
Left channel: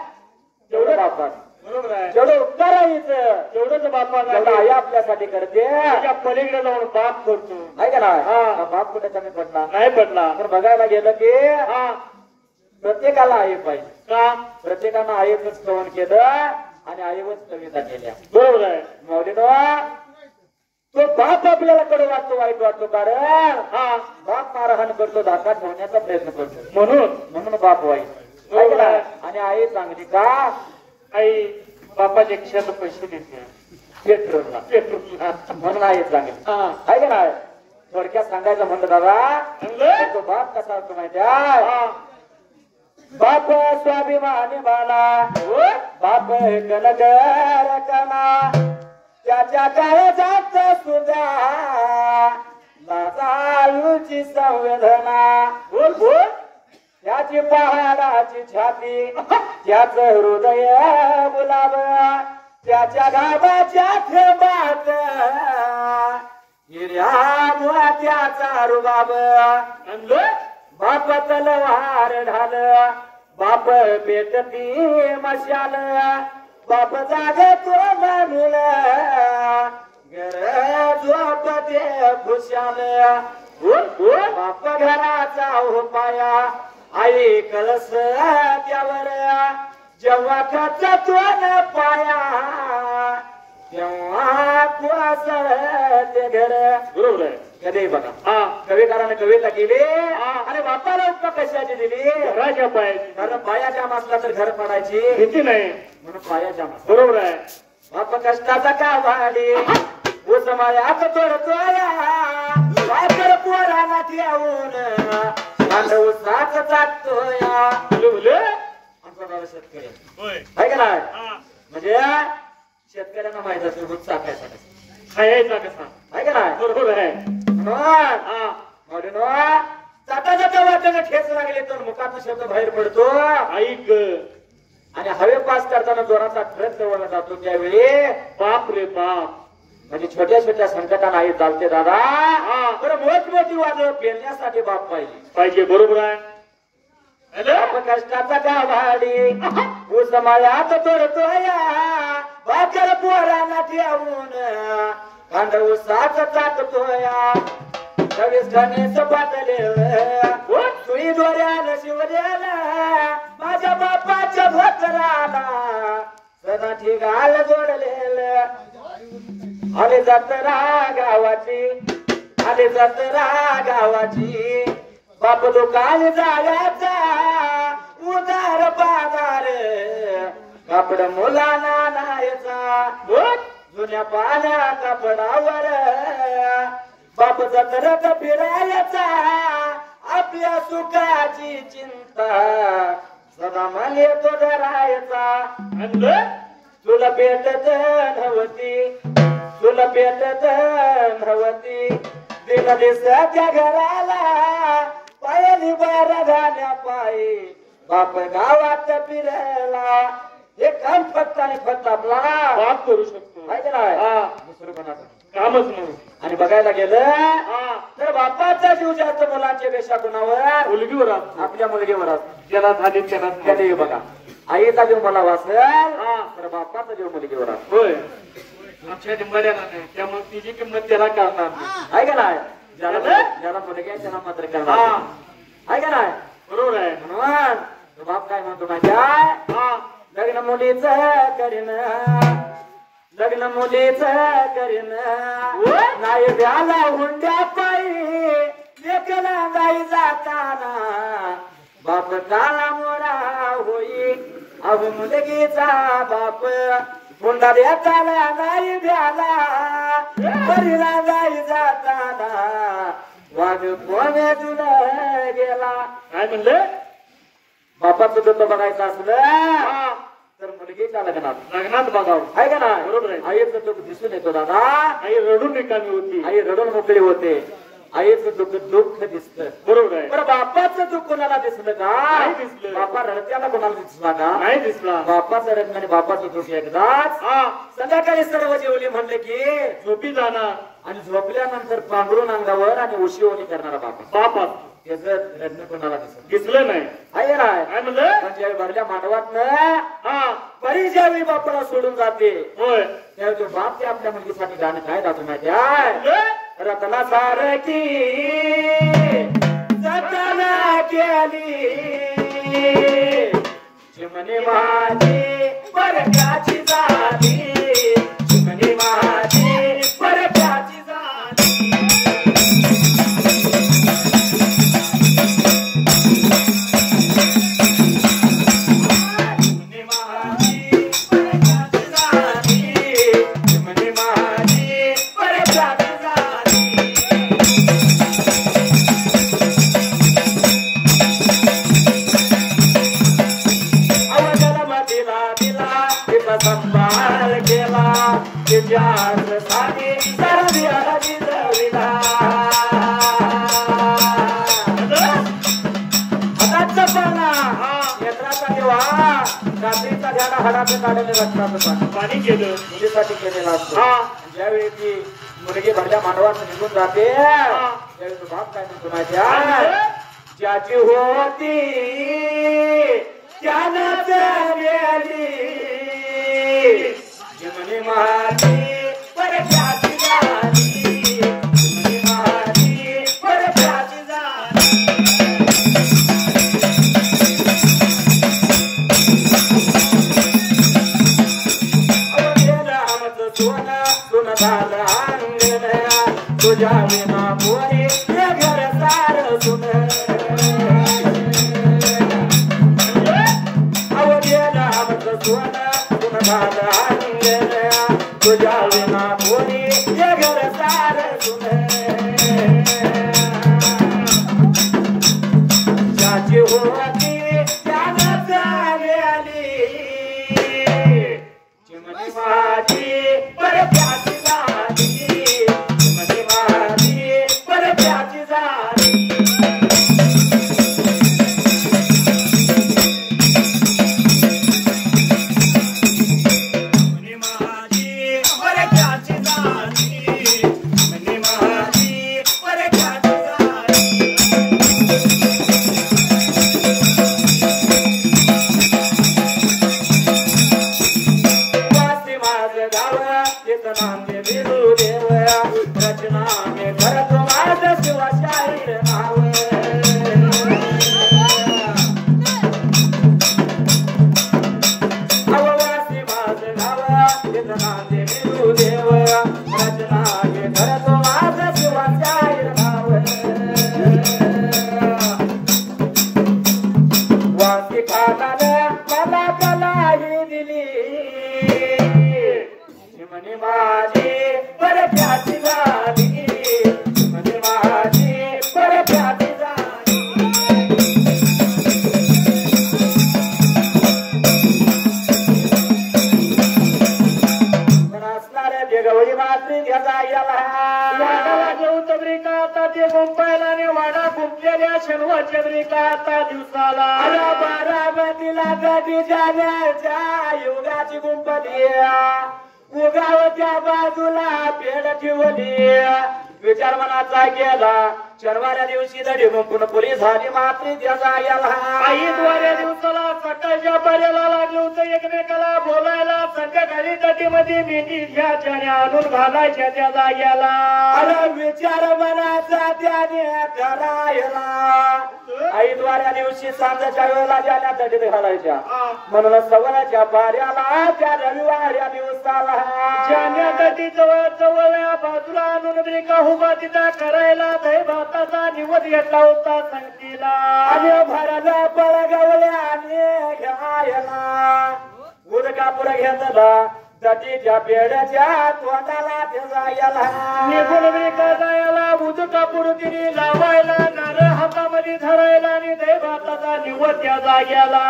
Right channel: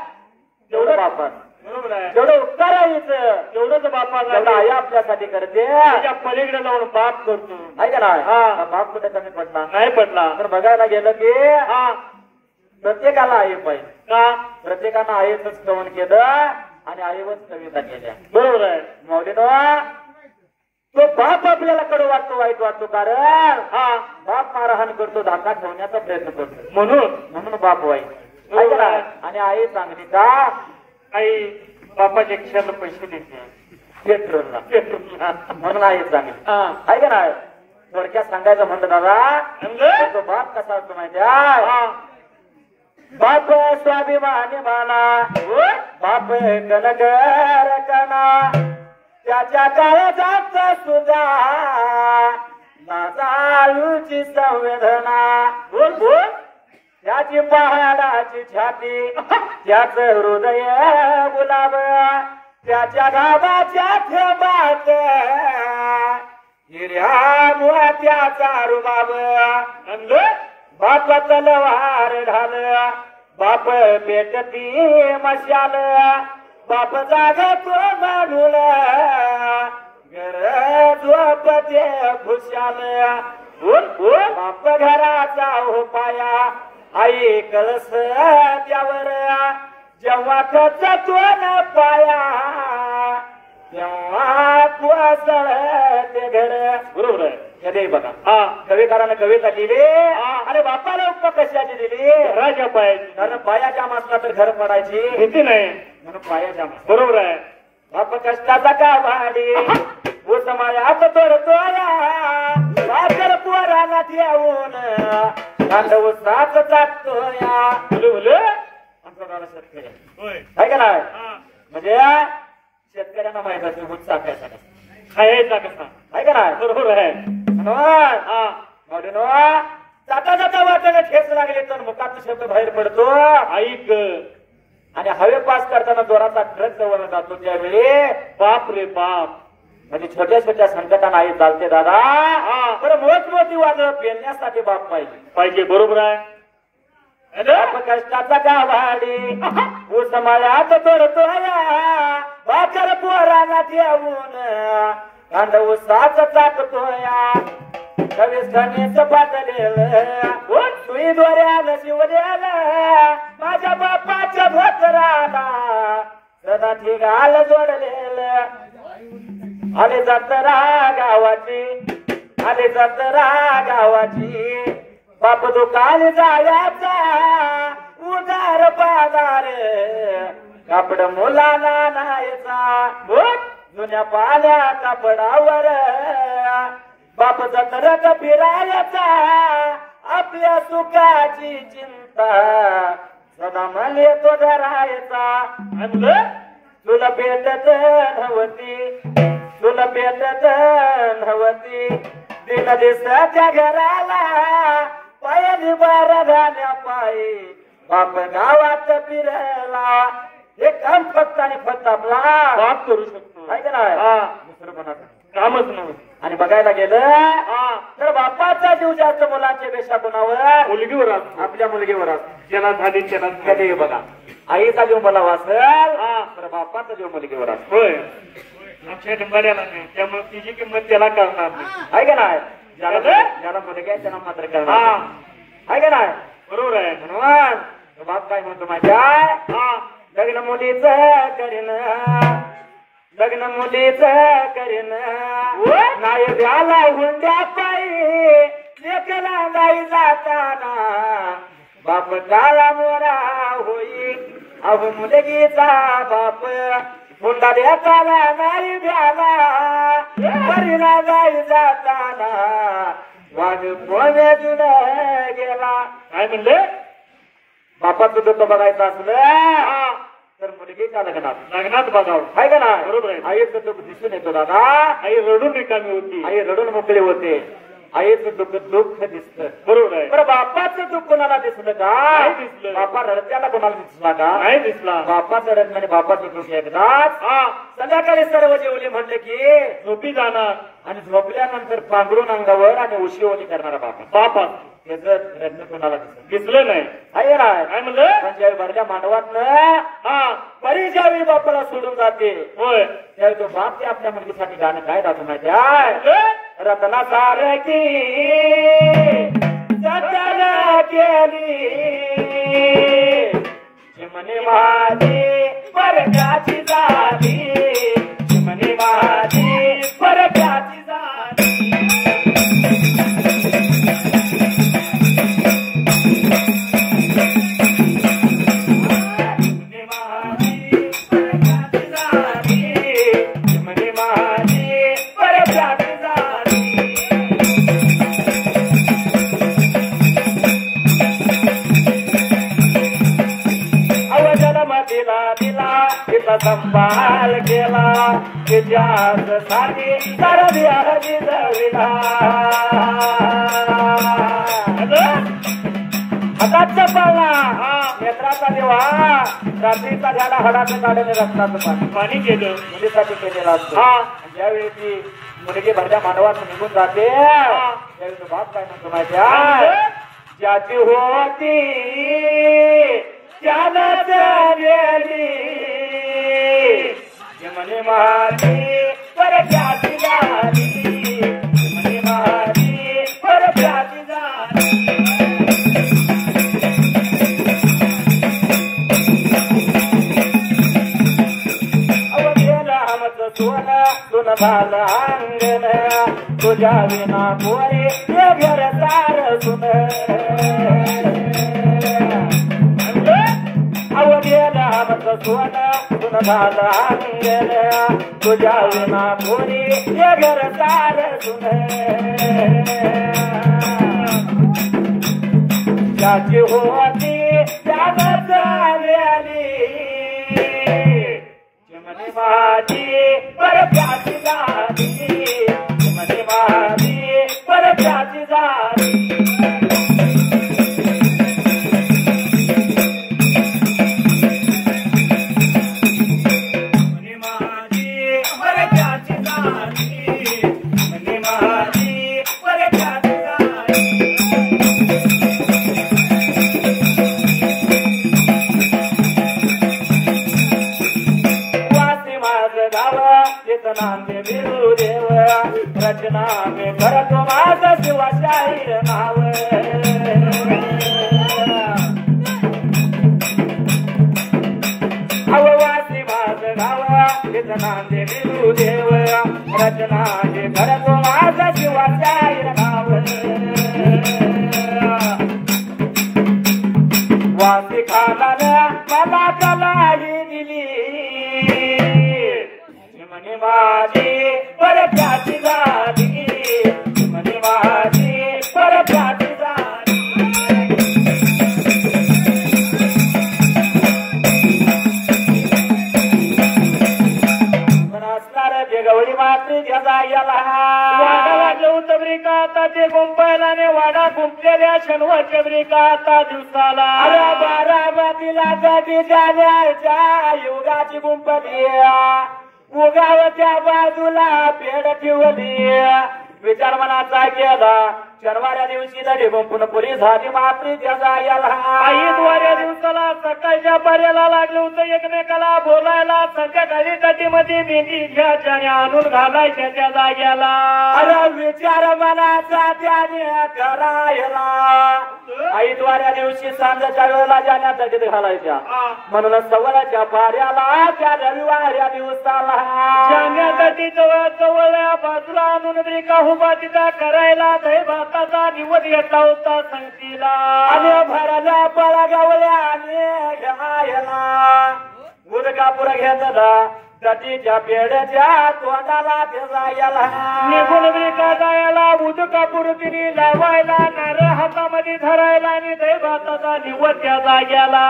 तेवढं बापात बरोबर आहे जेवढं उपकार आईचं तेवढंच बापा तेवढं आई आपल्यासाठी करते त्याच्या पलीकडे जाऊन बाप करतो आहे का नाही बाप कुठे कमी पडला नाही पडला तर बघायला गेलं की प्रत्येकाला आई पाहिजे का प्रत्येकानं आईच स्तवन केलं आणि आईवरच कविता केल्या बरोबर आहे माऊलीनं तो बाप आपल्याला कडू वाटतो वाईट वाटतो कारण बाप मारहाण करतो धाका ठेवण्याचा प्रयत्न करतो म्हणून बाप वाईट आहे का नाही? आणि आई चांगली का आई बापाच्या खिशात पैसे देते पेट्रोलला म्हणून आई चांगली आहे का नाही थोडक्यात सांगायचं म्हणलं दादा तो बाप कसा असतो माहिती आहे बाप स्वाभिमानी माना बाप कनकर कना त्याच्या काळजात सुद्धा लाजाळूची संवेदना बोल बोल त्याची पहाडाची छाती त्याच हृदय गुलाब त्याच्या गावाच्या थेंबात हिर्या मोत्याचा रुबाब बाप तलवार ढाल बाप पेटती मशाल बाप जागतो मानुल घर झोपते खुशाल बाप घराचा उपाया आई कळस त्यावर जेव्हा खचतो न पाया तेव्हा कोसळ ते घर बरोबर आहे कधी बघा कविकाराने कविता केली अरे बापाला उपमा कशाची दिली घराच्या पायाची कारण पायाच्या मासला तर घर पडायची भीती नाही म्हणून पायाच्या मास बरोबर आहे बाप कष्टाचा का वाडी उजमायात तोडतोया वाकर पोरांना ठेवून बांधव साथ चाकतोया आमचा दादा शेतकरी आहे का नाही म्हणजे शेतकऱ्यांना माहित असते दूध चाकायचा खायचा कसा आहे का नाही बरोबर आहे जाता जाता वाटेला ठेच लागले तर मुखातून शब्द बाहेर पडतो ऐक आणि हवे पास करताना जोराचा ट्रक जवळ जातो त्यावेळी बाप रे बाप म्हणजे छोट्या छोट्या संकटांना आई चालते दादा बरं मोठी वादळ पेलण्यासाठी बाप पाहिजे बरोबर आहे बाप कष्टाचा गावाडी उस्मायात तोडतोया बाकर पोरांना ठेवून बांधव साथ चाकतोया कवीस खणीस पातलेलं सुई दोऱ्याला शिवल्याला माझ्या बापाच्या भोकराला सदा ठिकाल जोडलेलं आले जत्रा गावाची बाप दुकान जायाचा उदार बाजार कापड मुलांना नायचा जुन्या पाण्या कापडावर बाप जत्रत फिरायचा आपल्या सुखाची चिंता सदा मने तो धरायचा तुला पेटत नव्हती दिन दिसत्या घराला पायाने बारा झाल्या पायी बाप गावात फिरला हे काम फक्त आणि फक्त आपला बाप करू शकतो आहे का नाही दुसरं कोणाचं कामच नव्हतं आणि बघायला गेलं तर बापाचा जीव जास्त मुलांच्या पेक्षा कोणावर मुलगीवर असतो आपल्या मुलगीवर असतो ज्याला झाली त्याला कधी बघा आईचा जीव मला वाचल तर बापाचा जीव मुलगीवर असतो होय आमच्या डिंबाड्याला नाही त्यामुळे तिची किंमत त्याला करणार नाही आहे का नाही ज्याला मुलगी आहे त्याला मात्र करणार आहे का नाही बरोबर आहे म्हणून बाप काय म्हणतो माझ्या लग्न मुलीच करीन लग्न मुलीच करीन नाही द्याला हुंड्या पायी लेकला नाही जाताना बाप काळा मोरा होई अहो मुलगीचा बाप हुंडा देताना नाही द्याला मरीला नाही जाताना वाघ पोण्यातून गेला. काय म्हणले बापाचं दुःख बघायचं असलं तर मुलगी का लग्नात बघावं आहे का नाही. बरोबर आहे. आईचं दुःख दिसून येतो दादा. आई रडून रिकामी होती आई रडून मोकळी होते. आईचं दुःख दिसतं. बरोबर आहे. बरं बापाचं दुःख कोणाला दिसलं का नाही दिसलं. बापा रडत्याला कोणाला दिसला का नाही दिसला. बापाचं रडणं आणि बापाचं दुःख एकदाच संध्याकाळी सर्व जेवले म्हणले की झोपी जाणार आणि झोपल्यानंतर पांघरून अंगावर आणि उशीवणी करणारा बापा त्याचं रडणं कोणाला दिसलं नाही. आहे ना काय म्हणलं म्हणजे भरल्या मानवातनं परिजावी बापाला सोडून जाते. होय त्यावेळी तो बाप ते आपल्या मुलगीसाठी गाणं काय गातो माहिती आहे. रत्ना सारखी जतन केली चिमणी माझी परक्याची झाली चिमणी माझी परक्याची झाली. संभाळ केला त्याच्यासाठी सरद्याला जिजविला. हाताचा पाळणा नेत्राचा देवा रात्रीचा झाला हडाचं काढले रक्ताचं पाणी केलं मुलीसाठी केलेला असतो. ज्यावेळी ती मुलगी भरल्या मानवात निघून जाते त्यावेळी तो बाप काय म्हणतो माहिती आहे. ज्याची होती त्यानंच गेली चिमणी माझी परक्याची झाली चिमणी माझी परक्याची झाली. अवघेला आमचं सोनं सोनं झालं अंगण तुझ्या विना पोरी हे घर सार सुन. अवघेला आमचं सोनं सोनं झालं अंगण तुझ्या विना पोरी हे घर सार सुन. ज्याची होती त्यानं झालेली चिमणी माझी परक्याची झाली चिमणी माझी परक्याची झाली. युगाची गुंपली उगावच्या बाजूला पेड ठेवली विचार मनाचा केला. शनिवाऱ्या दिवशी दडी गुंपून पुरी झाली मात्री त्याचा याला. आई द्वाऱ्या दिवसाला सकाळच्या जाण्याच्या पर्याला लागलं होतं एकमेकाला बोलायला. संध्याकाळी तटीमध्ये मेहंदी घ्यायच्या आणि आणून घालायच्या त्या जाग्याला. अरे विचार मनाचा त्याने करायला. ऐतवाऱ्या दिवशी सांजाच्या वेळेला जाण्या तटीत घालायच्या. म्हणून सवलाच्या पाऱ्याला त्या रविवाऱ्या दिवसाला जाण्या तटी जवळ जवळ बाजूला आणून ब्रिका उभा तिथं करायला दही भाताचा निवड घेतला होता संगतीला. आणि भराला पळगावल्या आणि घ्यायला उदकापूर घेतला. तटीच्या पेड्याच्या तोंडाला जायला निघून ब्रिका जायला. उदकापूर तिने लावायला नारळ हातामध्ये धरायला आणि दही भाताचा निवड त्या जाग्याला.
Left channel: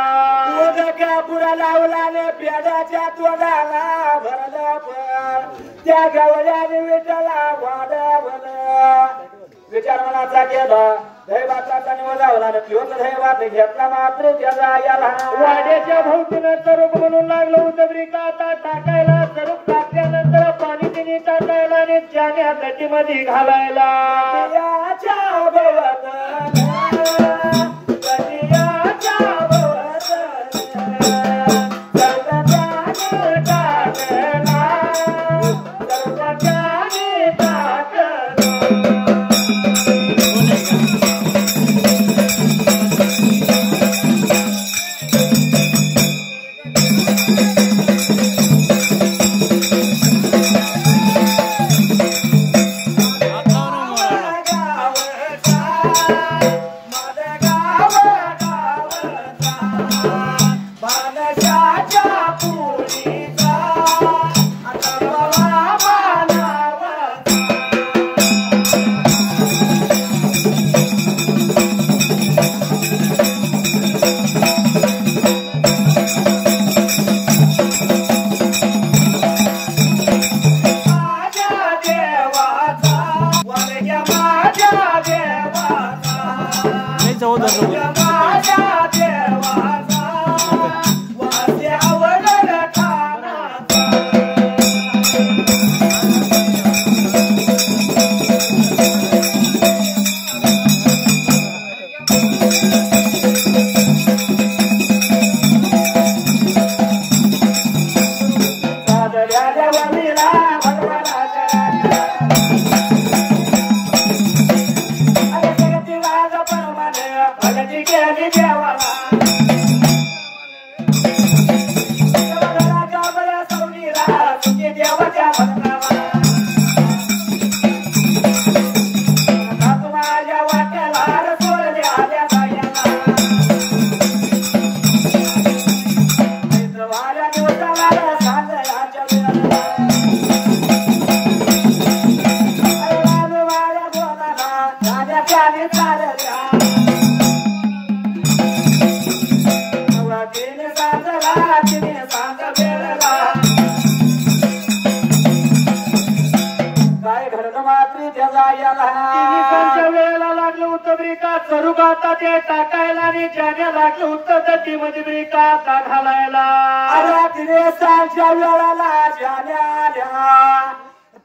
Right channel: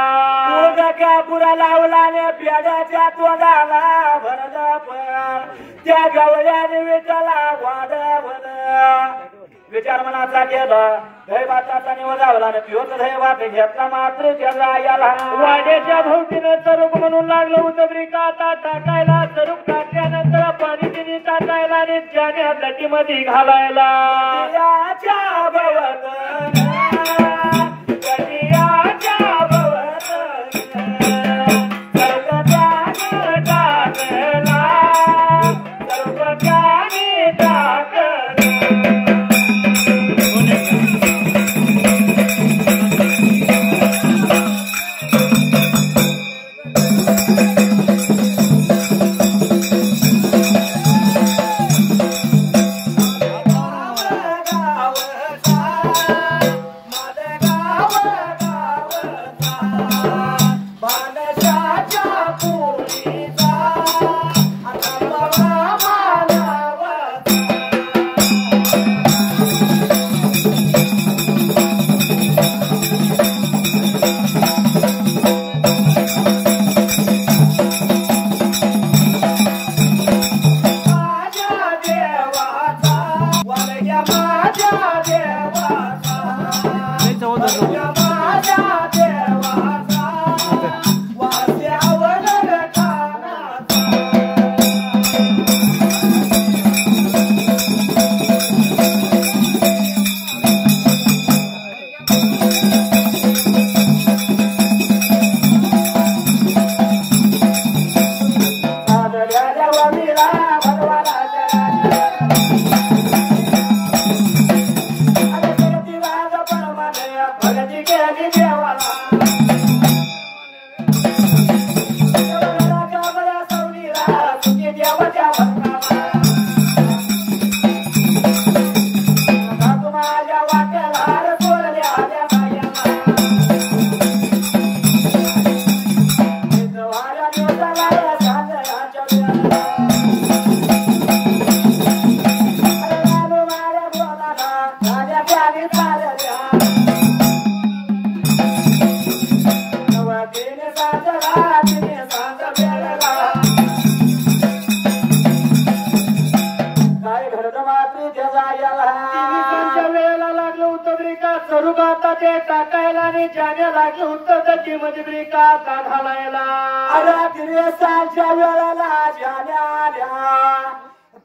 उदकापुरा लावला आणि पेड्याच्या तोंडाला भरला पण त्या गवळ्याने विटाला वाढवलं. विचार मनाचा केला दही भाताचा निवड लावला आणि पिवत दही भात घेतला मात्र त्या जाग्याला. वाड्याच्या भोवतीनं सरूप म्हणून लागलं होतं ब्रिका आता टाकायला. सरूप टाकल्यानंतर पाणी तिने टाकायला आणि जाण्या तटीमध्ये घालायला.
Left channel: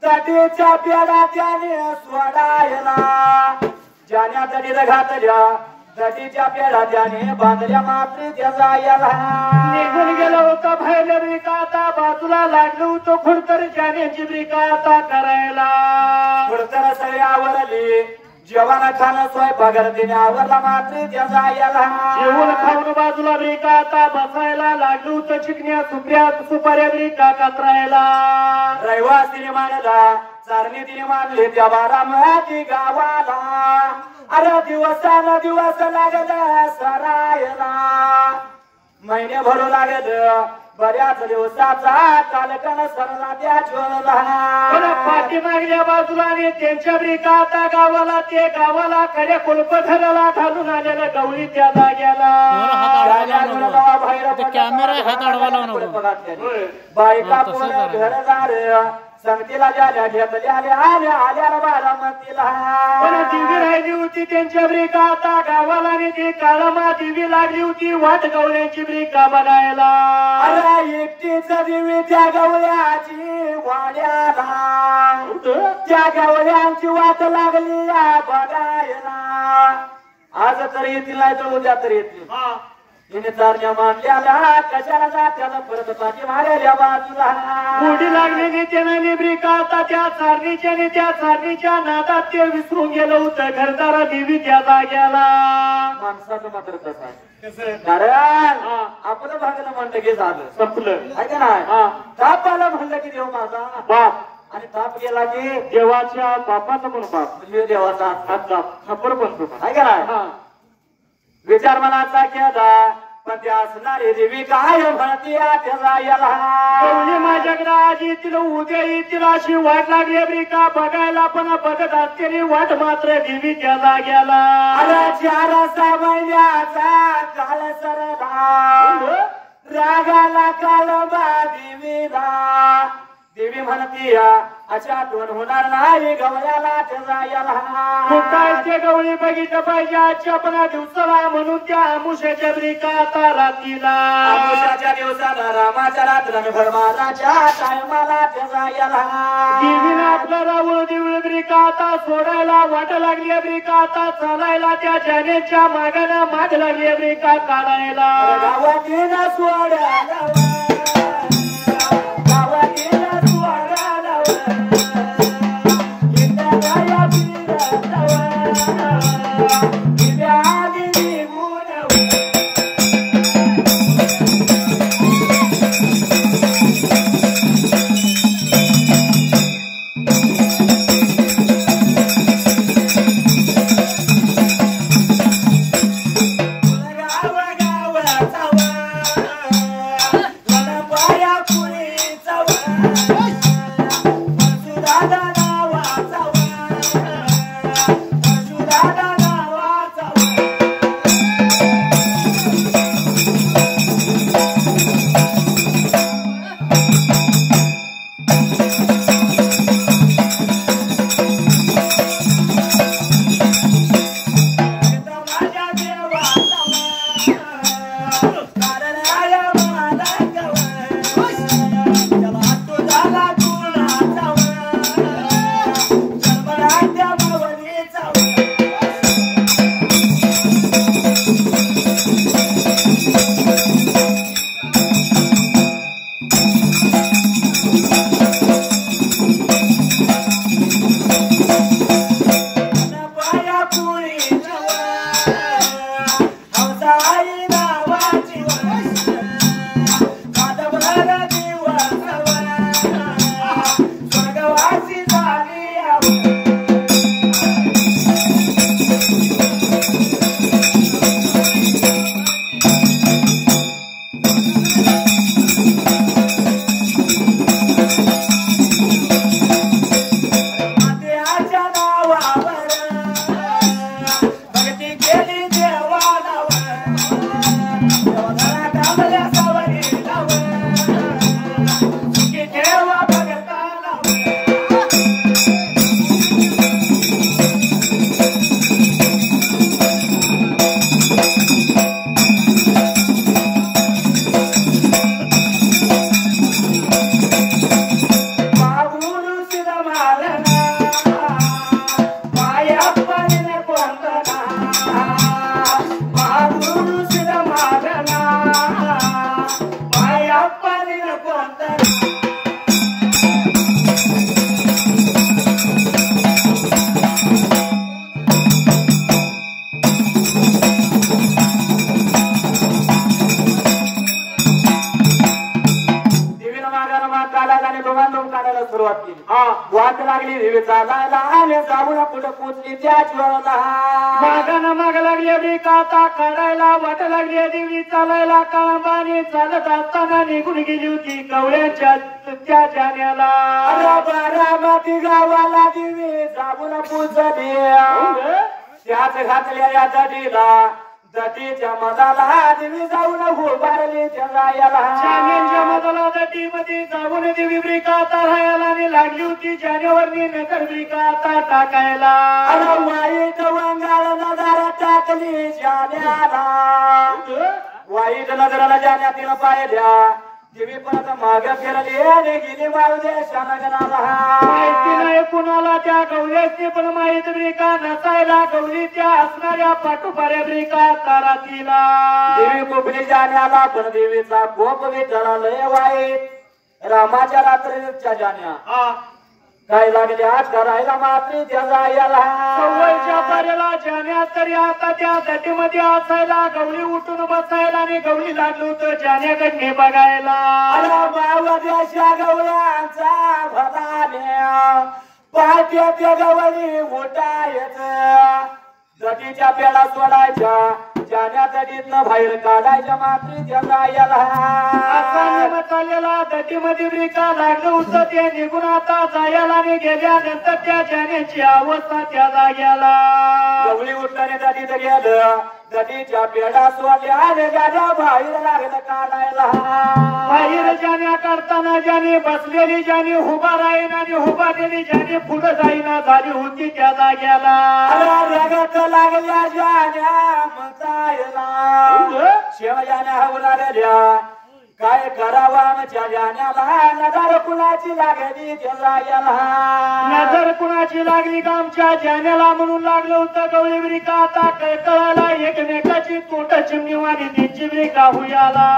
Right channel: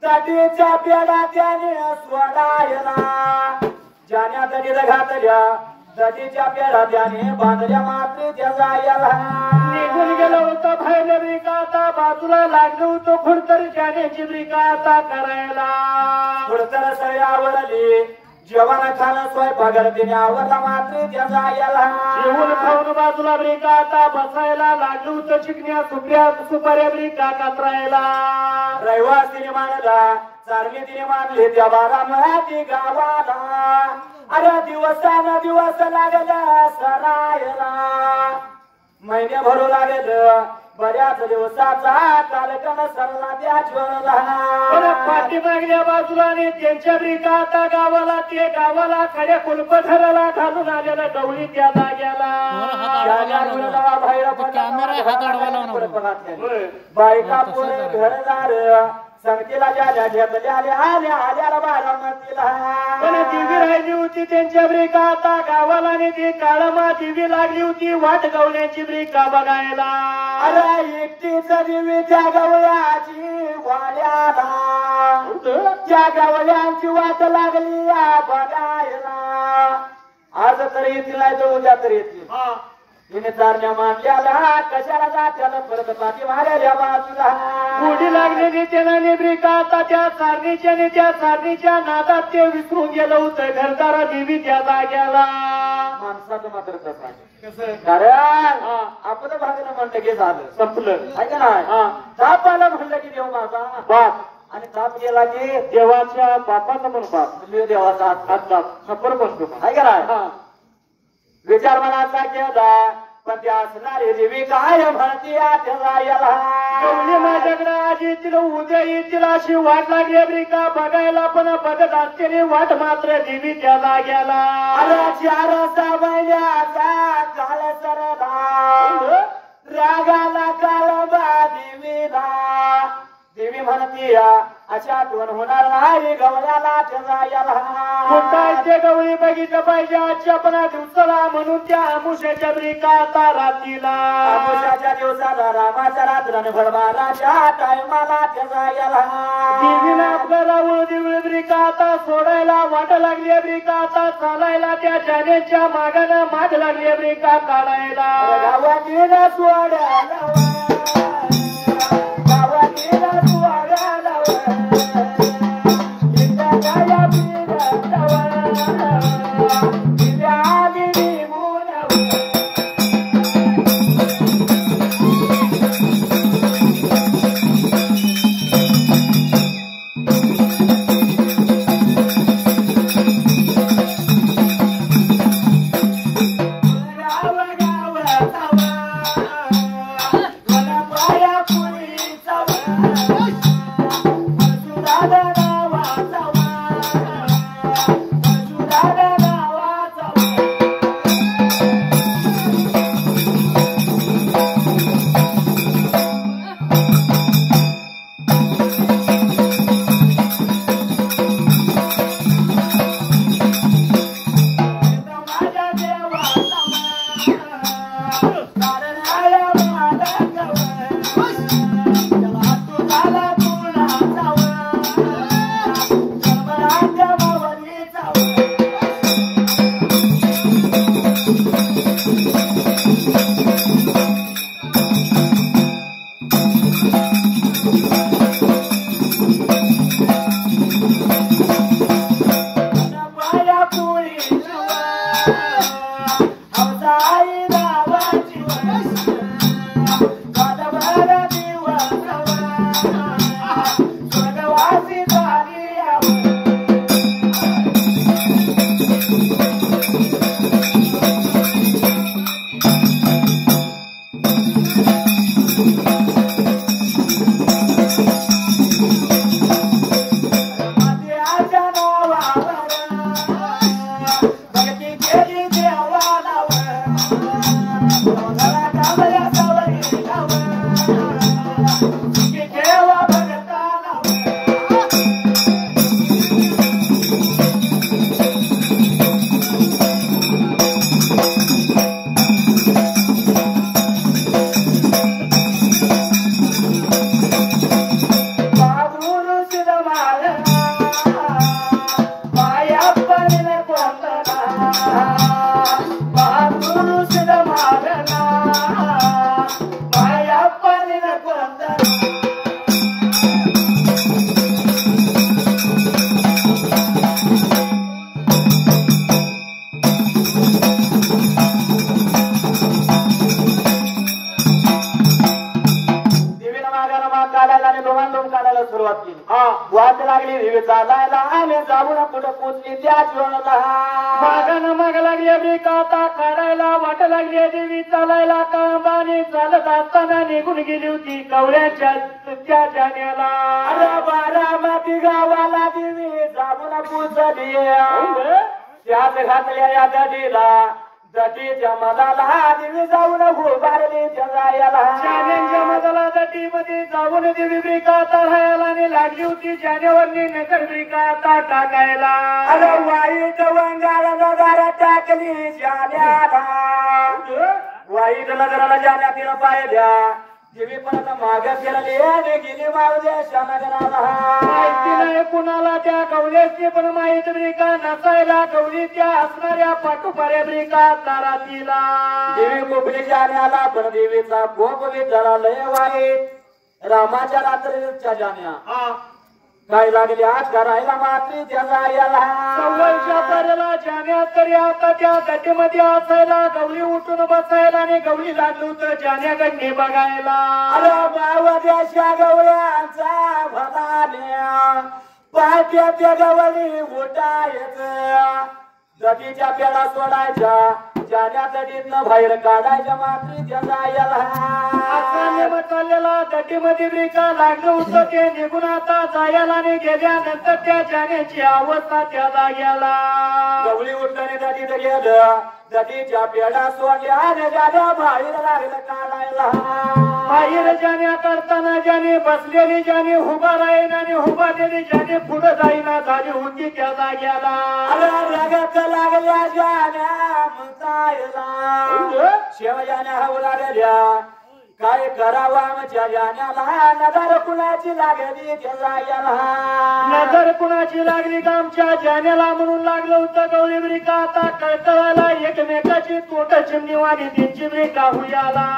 तटीच्या पेढा त्याने सोडायला. जाण्या तटीला घातल्या तटीच्या पेढा त्याने बांधल्या मात्र त्या जायला. निघून गेला होता बाहेर ब्रिका आता बाजूला लागलो होतो खुडतर जाण्याची ब्रिका आता करायला. खुडतर सळ्यावरली जेवण खाणं स्वयंपाक देण्यावरला मात्र त्या जायला. जेवण खाऊन बाजूला ब्रिका आता बसायला लागलो होतं. चिकण्या सुपाऱ्या ब्रिका कातरायला. रहिवासी मानला चारली तिने मानले त्या बारामती गावाला. अरे दिवसाला दिवस लागला सरायला. महिने भरू लागेल बऱ्याच दिवसाचा कालकन सरला त्या छोरला. पाठीमागल्या बाजूला त्यांच्या ब्रिका आता गावाला ते गावाला खड्या कुलप धराला घालून आलेलं गवळी त्या जाग्याला. बायका पोरं घरदार संगतीला जाण्या घेतल्या आल्या बारामतीला. पण दिवी राहिली होती त्यांच्या ब्रिका आता गावाला आणि ती काळामा दिवी लागली होती वाट गवळ्याची ब्रिका बघायला. अरे एकटीच दिवी त्या गवळ्याची वाड्याला. त्या गवळ्यांची वाट लागली बघायला. आज तर येतील नाही तर उद्या तर येतील. हिने चारण्या मागल्याला कशाला जात्याला परत पाठी मारायला बाजूला गोडी लागलेली त्यानं निब्रिका आता त्या चारणीच्या आणि त्या चारणीच्या नादात ते विसरून गेलं होतं घरदारा देवी त्या जाग्याला माणसाचं मात्र कसं आहे कारण आपलं भागणं म्हणलं की झालं संपलं आहे का नाही ताप आला म्हणलं की देव माझा बाप आणि ताप गेला की देवाच्या बापाचा पण बाप म्हणजे देवाचा हातचा खबर बनतो आहे का नाही विचार मनाचा केला पण त्या असणारी देवी काय म्हणते गवळी माझ्याकडे आज येतील उद्या येतील अशी वाट लागली ब्रिका बघायला पण बघत असलेली वाट मात्र देवी त्या जाग्याला चार महिन्याचा काळ सरला रागाला काळबा देवीला देवी म्हणती अशा आठवण होणार नाही गवळ्याला ते गवळी बघितलं पाहिजे आजच्या 15 दिवसाला म्हणून त्या आमुष्याच्या ब्रिका आता रात्रीला आमुष्याच्या दिवसाला रामाच्या रात्र भरमाराच्या टायमाला देवीनं आपल्या रावळ दिवळ ब्रिका आता सोडायला वाट लागली ब्रिका आता चालायला त्या जाण्याच्या मागानं माग लागली ब्रिका काढायला गावातील सोडायला वाट लागली देवी चालायला आणि जाऊन कुठं पोचली त्याच वेळेला माग लागली ब्रिका आता काढायला वाट लागली देवी चालायला काळाबाने चालत असताना निघून गेली होती गवळ्यांच्या त्या जाण्याला बारामती गावाला देवी जाऊन पोचली त्याच घातलेल्या दडीला दटीच्या मधाला देवी जाऊन उभारली जाण्यांच्या मधाला दटीमध्ये जाऊन देवी ब्रिका आता राहायला आणि लागली होती जानेवारी नगर ब्रिका आता टाकायला वाईट वंगाळ नजर टाकली जाण्याला वाईट नजराला जाण्यात पाहिल्या देवी परत मागे फिरली आणि गेली मावदेशाला गेला माहिती नाही कुणाला त्या गवलेची पण माहित ब्रिका नसायला गवलीच्या असणाऱ्या पाठोपाऱ्या ब्रिका तारातीला देवी कोपरी जाण्याला पण देवीचा कोप विचारा लय वाईट रामाच्या रात्रीच्या जाण्या काय लागले आज करायला मात्री त्याचा याला सव्वलच्या पाऱ्याला जाण्या तरी आता त्या दटीमध्ये असायला गवली उठून बसायला आणि गवली लागलो तर जाण्याकडे बघायला अरे मावदेशा गवळ्यांचा भदान्या पायथ्या त्या गवळी उठायचं दटीच्या पेडा सोडायच्या जाण्या दटीतनं बाहेर काढायच्या मात्री त्याचा याला असा नियम चाललेला दटीमध्ये ब्रिका लागलं होतं ते निघून आता जायला आणि गेल्यानंतर त्या जाण्याची अवस्था त्या जाग्याला गवळी उठल्याने दटीत गेलं दटीच्या पेडा सोडल्या आणि जाण्या बाहेर लागलं काढायला बाहेर जाण्या करताना ज्याने बसलेली ज्याने उभा राहीन आणि उभा दिली ज्याने पुढे जाईना झाली होती त्या जाग्याला रगत लागल्या जाण्या शेव जाण्या हवं लागल्या काय करावा आमच्या जाण्याला नजर कुणाची लागली त्या जाग्याला नजर कुणाची लागली का आमच्या जाण्याला म्हणून लागलं होतं गवळी ब्रिका आता कळकळाला एकमेकाची तोट चिमणीवाणी त्यांची ब्रिका हुयाला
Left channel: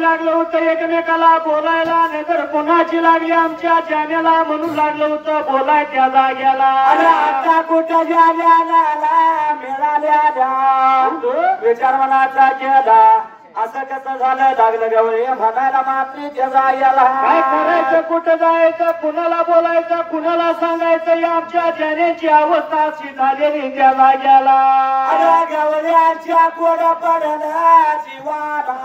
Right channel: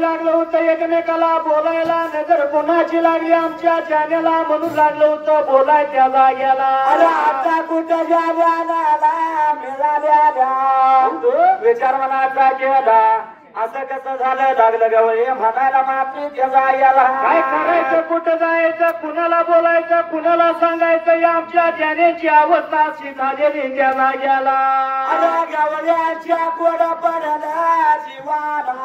लागलं होतं एकमेकाला बोलायला नजर कोणाची लागली आमच्या जाण्याला म्हणून लागलं होतं बोलाय त्या जाग्याला आता कुठं जाण्या मिळाल्या विचारवनाचा केला असं कसं झालं लागलं गवळी म्हणायला मात्री त्या जाग्याला काय करायचं कुठं जायचं कुणाला बोलायचं कुणाला सांगायचं या आमच्या जाण्याची अवस्था अशी झालेली त्या जाग्याला गवळ्याच्या कोड पडला जीवाला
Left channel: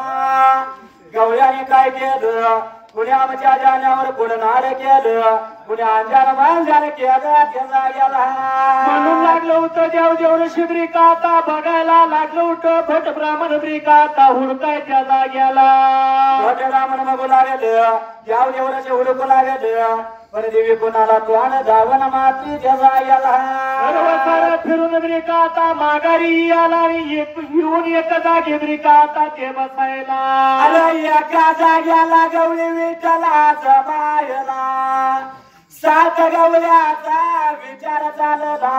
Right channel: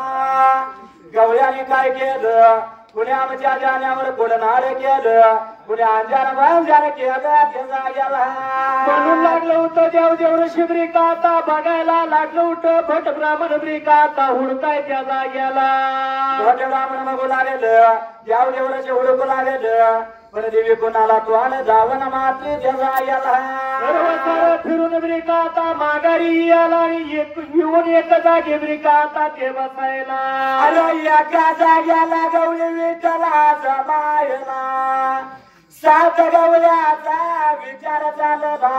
गवळ्याने काय केलं कुणी आमच्या जाण्यावर कुणी नाड केलं कुणी अंजार बांधाने केलं त्या जाग्याला म्हणून लागलं होतं देव देवर शिब्रिका आता बघायला लागलं होतं भट ब्राह्मण ब्रिका आता हुडकाय त्या जाग्याला भट ब्राह्मण बोलावेलं देव देवराचे हुडकू लागेलं पण देवी कुणाला तोंड धावण मात्री त्या जाग्याला फिरून ब्रिका आता माघारी याला येऊन एका जागी ब्रिका आता ते बसायला एका जाग्याला गवळी विठ्ठलाचं वयाचा विचार चालला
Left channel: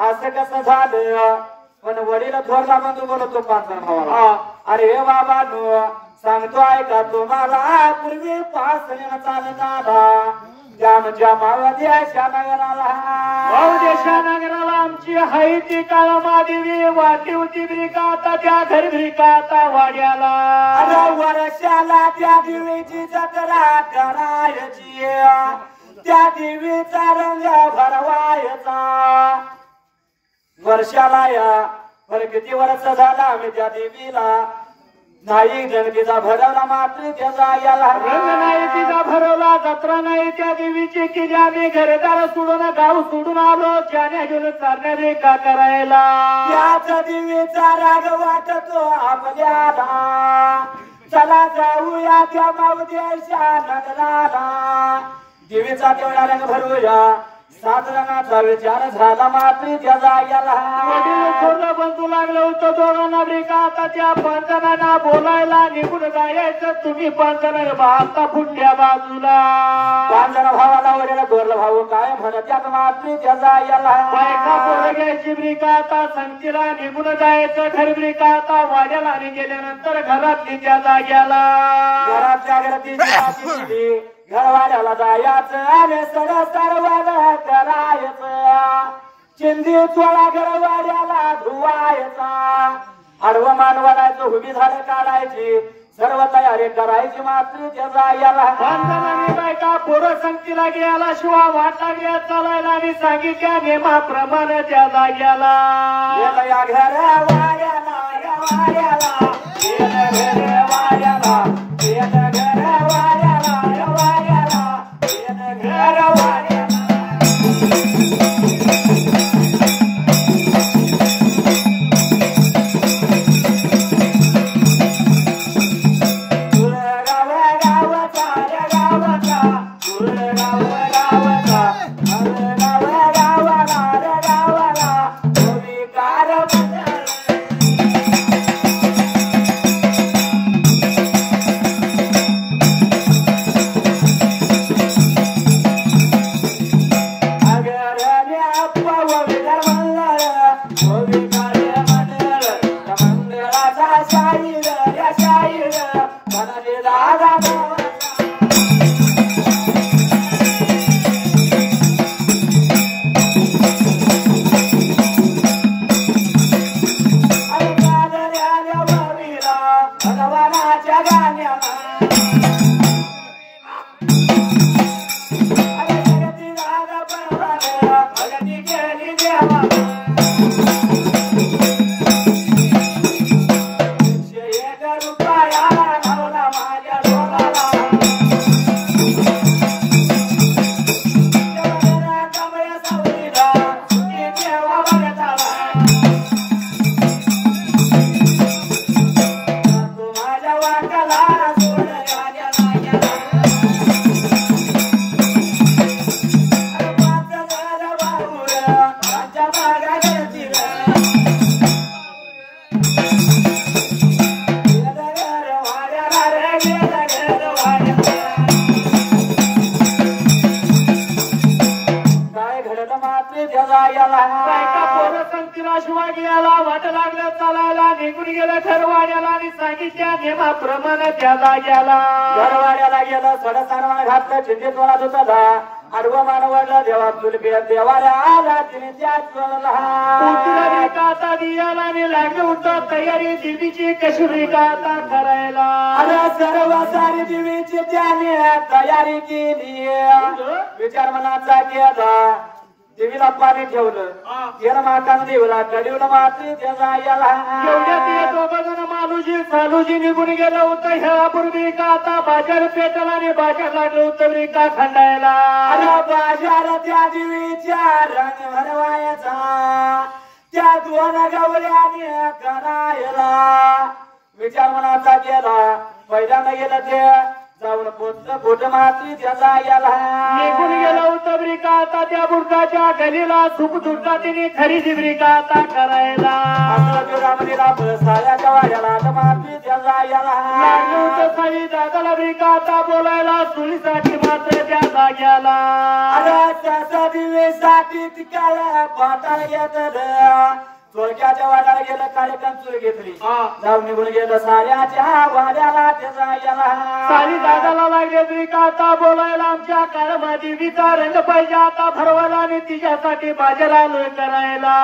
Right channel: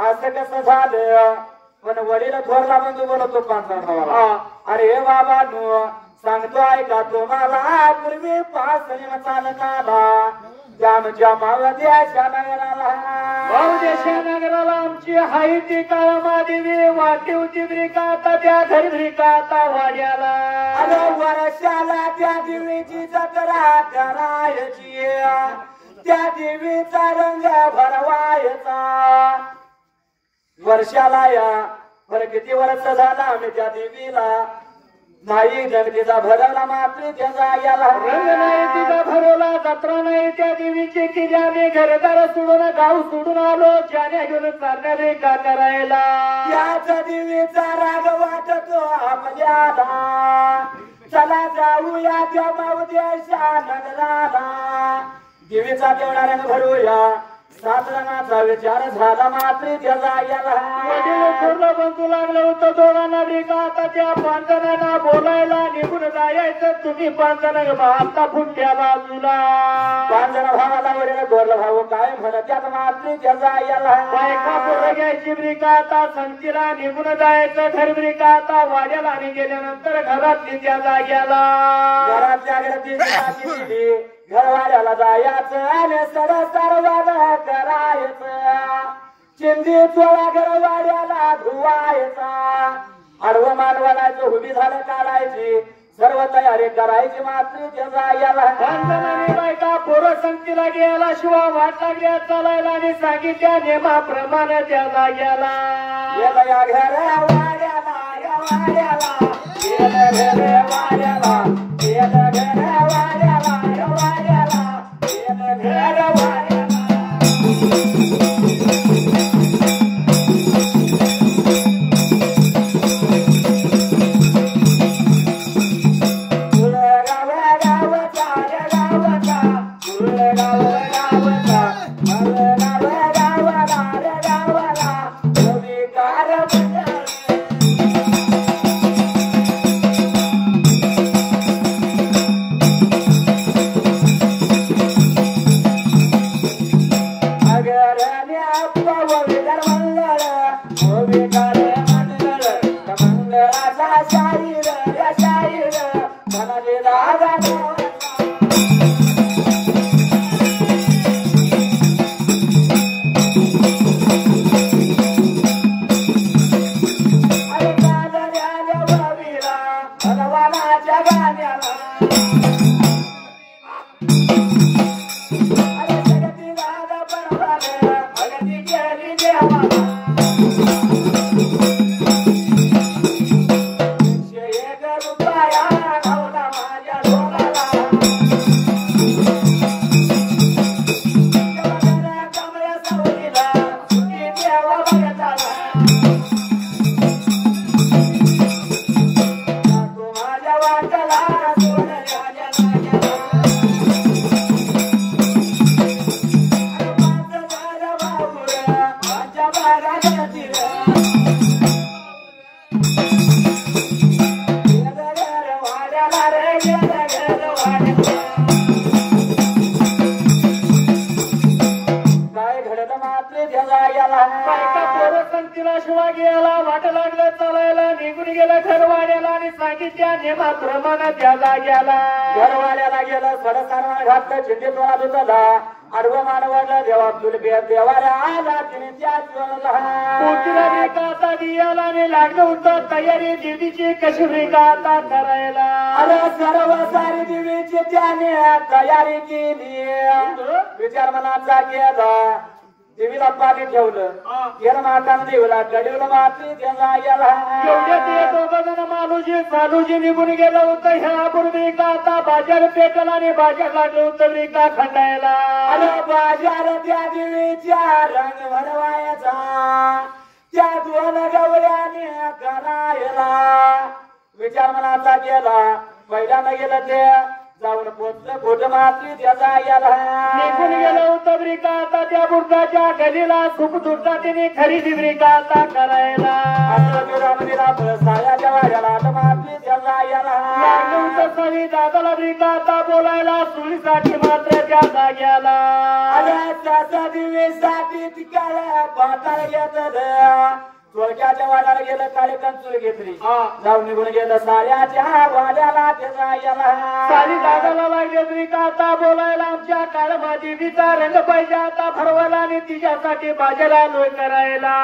असं कसं झालं पण वडील थोरला बंधू बोलतो पांढरा अरे बाबांनो सांगतो ऐका तुम्हाला पूर्वी पासून चालत आला ज्याच्या मावदेशा नगराला आमची हाय ती काळमादेवी वाटी होती ब्रिका आता त्या घरी ब्रिका आता वाड्याला वर्षाला त्या देवीची जत्रा करायची त्या देवीचा रंग भरवायचा वर्षाला या पर किती वर्ष झाला आम्ही त्या देवीला नाही गणपतीचा भरवला मातृच्या जायला रंग नाही तिचा भरवला जत्रा नाही त्या देवीची केली आम्ही घरदार सोडून गाव सोडून आलो ज्याने घेऊन चालण्या रेखा करायला त्याच देवीचा राग वाटतो आपल्याला चला जाऊया त्या मावदेशा नगराला देवीचा तेवढा रंग भरूया सात रंगाचा विचार झाला मातृच्या जायला थोडं बंधू लागलं होतं दोघांना ब्रिका आता त्या पांजरांना बोलायला निघून जायचं तुम्ही पांजरा आता पुढच्या बाजूला पांजरा भावाला वगैरे गोरला भाऊ काय म्हणत त्यात मातृच्या जायला बायका पोरं घ्यायची ब्रिका आता संगतीला निघून जायचं घर ब्रिका आता वाड्याला आणि गेल्यानंतर घरातली त्या जाग्याला घरातल्या घरातली घरवाड्याला जायचं आणि सर्वाला करायचं चिंदी चोळा घरवाड्याला धुवायचा आडवं मानवायचं उभी झाडं काढायची सर्व तयारी करायची मातृच्या जायला बायका पोरं संगतीला गेला शिवा वाटा घ्या चालायला आणि सांगितल्या नियमाप्रमाणे त्या जाग्याला या घरवाड्याला या वाड्याला वाट लागलं चालायला निघून गेलं ठरवाड्याला आणि सांगितल्या नियमाप्रमाणे त्या जाग्याला घरवाड्याला गेलं सडसारवा घातलं चिंते तोडा धुतला आडवं मानवलं देवा तुलबे देवाऱ्या आला तिने त्या आता दियाला लागलं होतं तयारी देवीची कशी आता करायला सर्व सारी देवीची त्याने तयारी केली विचार मनाचा केला देवीला पाणी ठेवलं त्यानं मातानं देवला कडीवलं माती एवढ्यात हे दोघं जण मालूजी चालूजी निघून गेलं होतं ह्यापूर्वी का आता बाजार पेटला आणि बाजार लागलं होतं रिका खंडायला बाजार त्या देवीच्या रंग भरवायचा त्या दोन गवळ्याने करायला विचार मनाचा केला पहिल्यांदा गेलं ते जाऊन बोट माती त्याचा याला निघून गेलं होतं ब्रिका आता त्या बुडकाच्या गलीला सुख दुर्गा तिने खरेदी ब्रिका आता करायला सायाच्या वाड्याला माती त्याचा याला साली दादाला ब्रिका आता बोलायला सुळीसाठी मात्र त्या जाग्याला अरे त्याचा दिवेसाठी तिकाला पाटा येत चोरक्याच्या वाड्याला गेलं कार्यक्रम चूल घेतली नाव निघून गेलं साऱ्याच्या वाड्याला त्याचा गेला साली दादाला लागले ब्रिका आता बोलायला आमच्या काळमा देवीचा रंग पाहिजे आता भरवायला आणि तिच्यासाठी बाजारा लोय करायला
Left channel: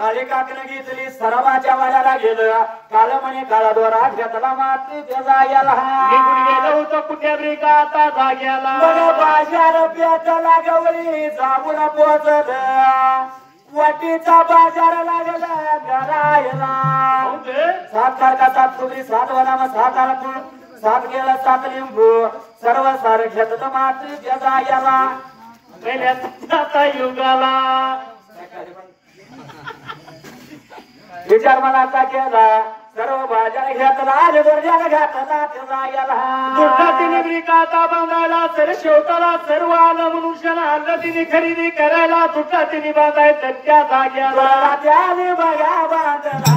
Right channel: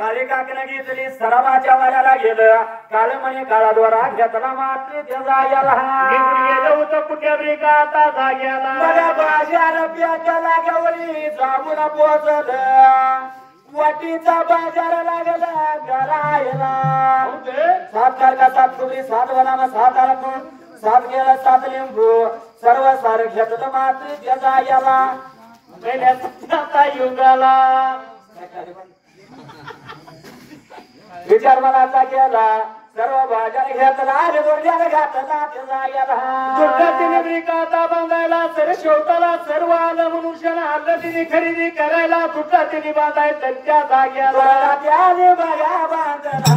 काळी काकनं घेतली सर्वाच्या वाड्याला गेलं काळ म्हणे काळा दोरा घेतला मात्र त्याचा गेला निघून गेलं होतं कुठे ब्रिका आता जाग्याला बाजार पेटला गवळी जांभूळ पोचलं वटीचा बाजार लागला घरायला सात तारखा सात फुगडी सात वनाम सात आरखून सात गेला सात लिंबू सर्व सार घेतलं मात्र त्याचा याला पहिल्या युगाला विचार मनाचा केला सर्व बाजार घेतला आणि गुडघ्याला घातला त्याचा याला दुर्गातीने ब्रिका आता बांधायला तर शेवटाला सर्व आलं मनुष्याला आलं तिने खरेदी करायला दुर्गातीने बांधायचं त्या जाग्याला त्याने बघा बांधला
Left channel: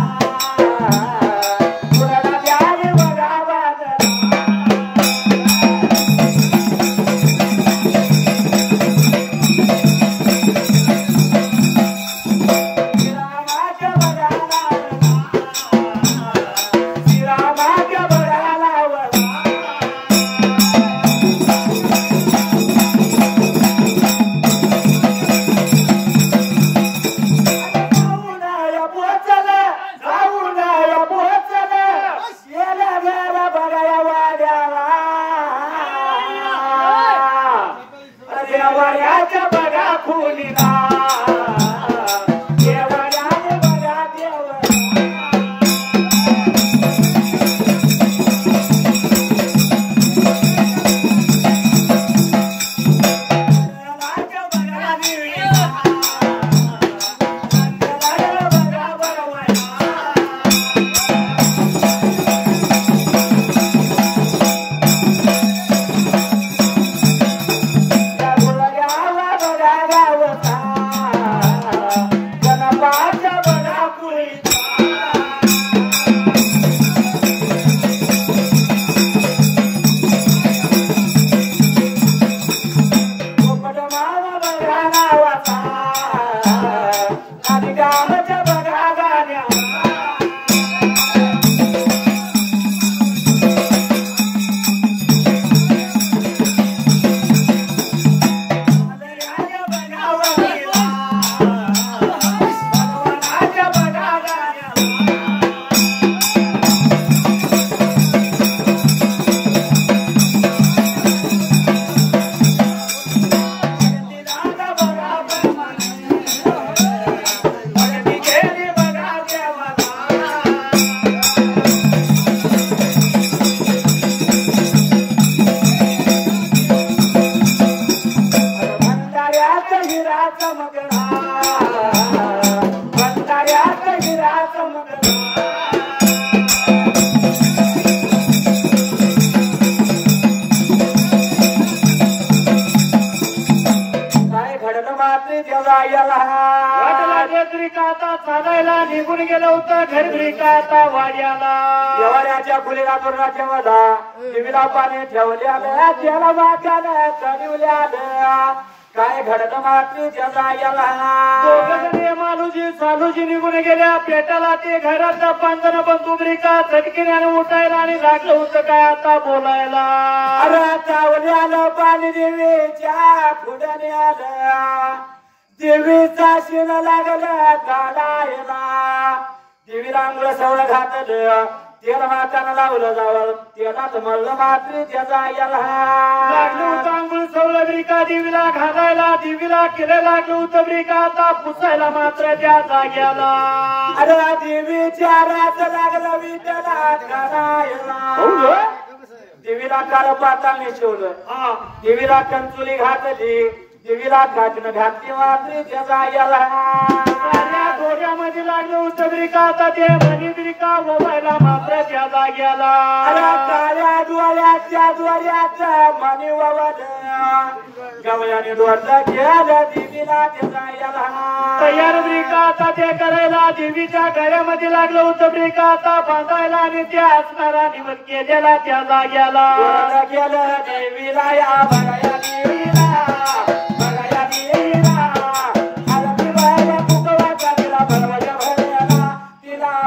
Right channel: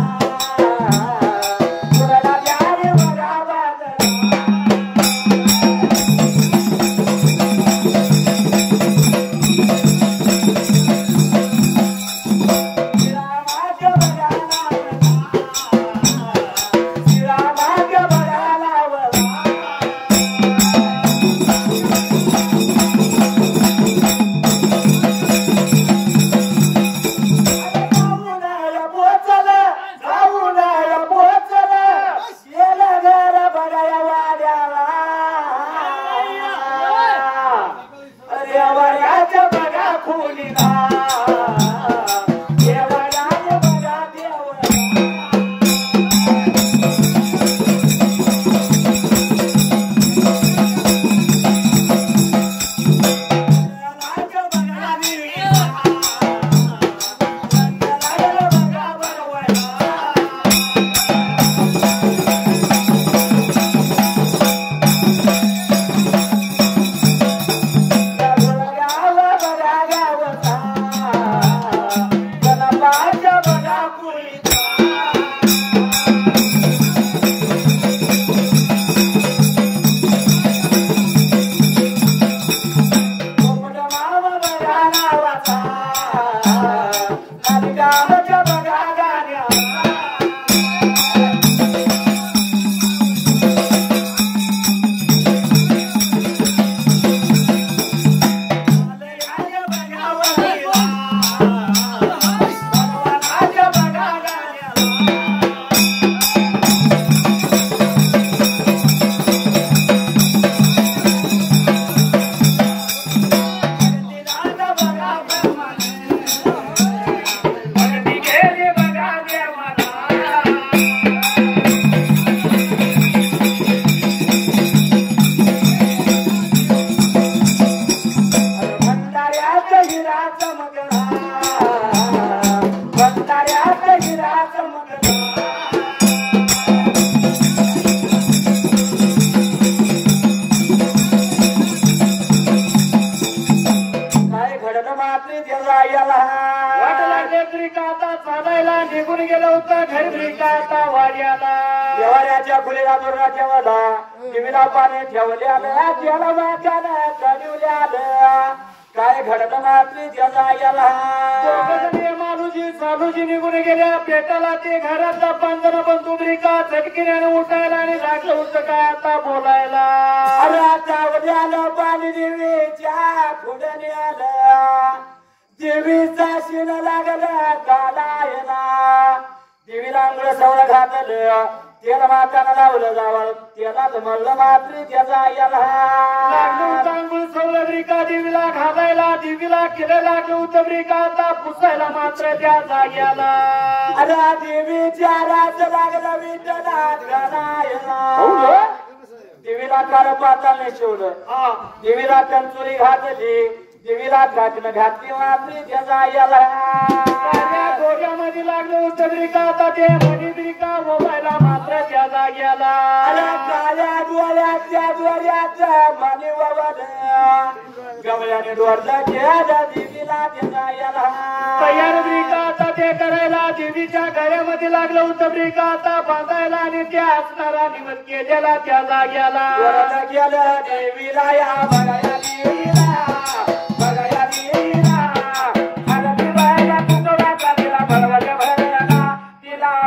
त्याने बघा बांधला काय घडत मात्र मालूजी सालूजी निघून गेल्या पेटाला ते घराचा पांजरा बंधू ब्रिका झटकीने उठायला आणि लागलं होतं काय आता बोलायला आलं पाणी देवीच्या पुढे आलं देवीचा शिन लागला काढायला देवीला अंग सवळ घातलं तेल माताना लावलं जावं तेलात म्हणलं मात्र त्याचा याला अंघोळ सवळ ब्रिका देवीला घालायला देवीला केलं लागलं होतं ब्रिका आता पुसायला मात्र त्या जाग्याला अरे देवीच्या रात लागला विठला घालायला देवीला काळ पाताळ शिवलं देवीला कंचुली घातली देवीला घातलं घातली मात्र त्याचा याला डोक्यामध्ये लागलं होतं ब्रिका आता ते मनी ब्रिका मोबाईला मात्र त्या जाग्याला काळ्या डोळ्या गवयाच्या द्वाऱ्याचं मनी ववलं गवयाने डोरलं केलं दिदीला जायला तयार ब्रिका आता ते करायला देवीच्या घरामध्ये लागलं होतं ब्रिका आता बांधायला आणि त्या असणारा निवड केलेला त्या जाग्याला केलं देवीला या बघाया देवीला बघाया देवीला आरती बाया पुतळ्याचा तिला भरवल्या भरवल्या तिला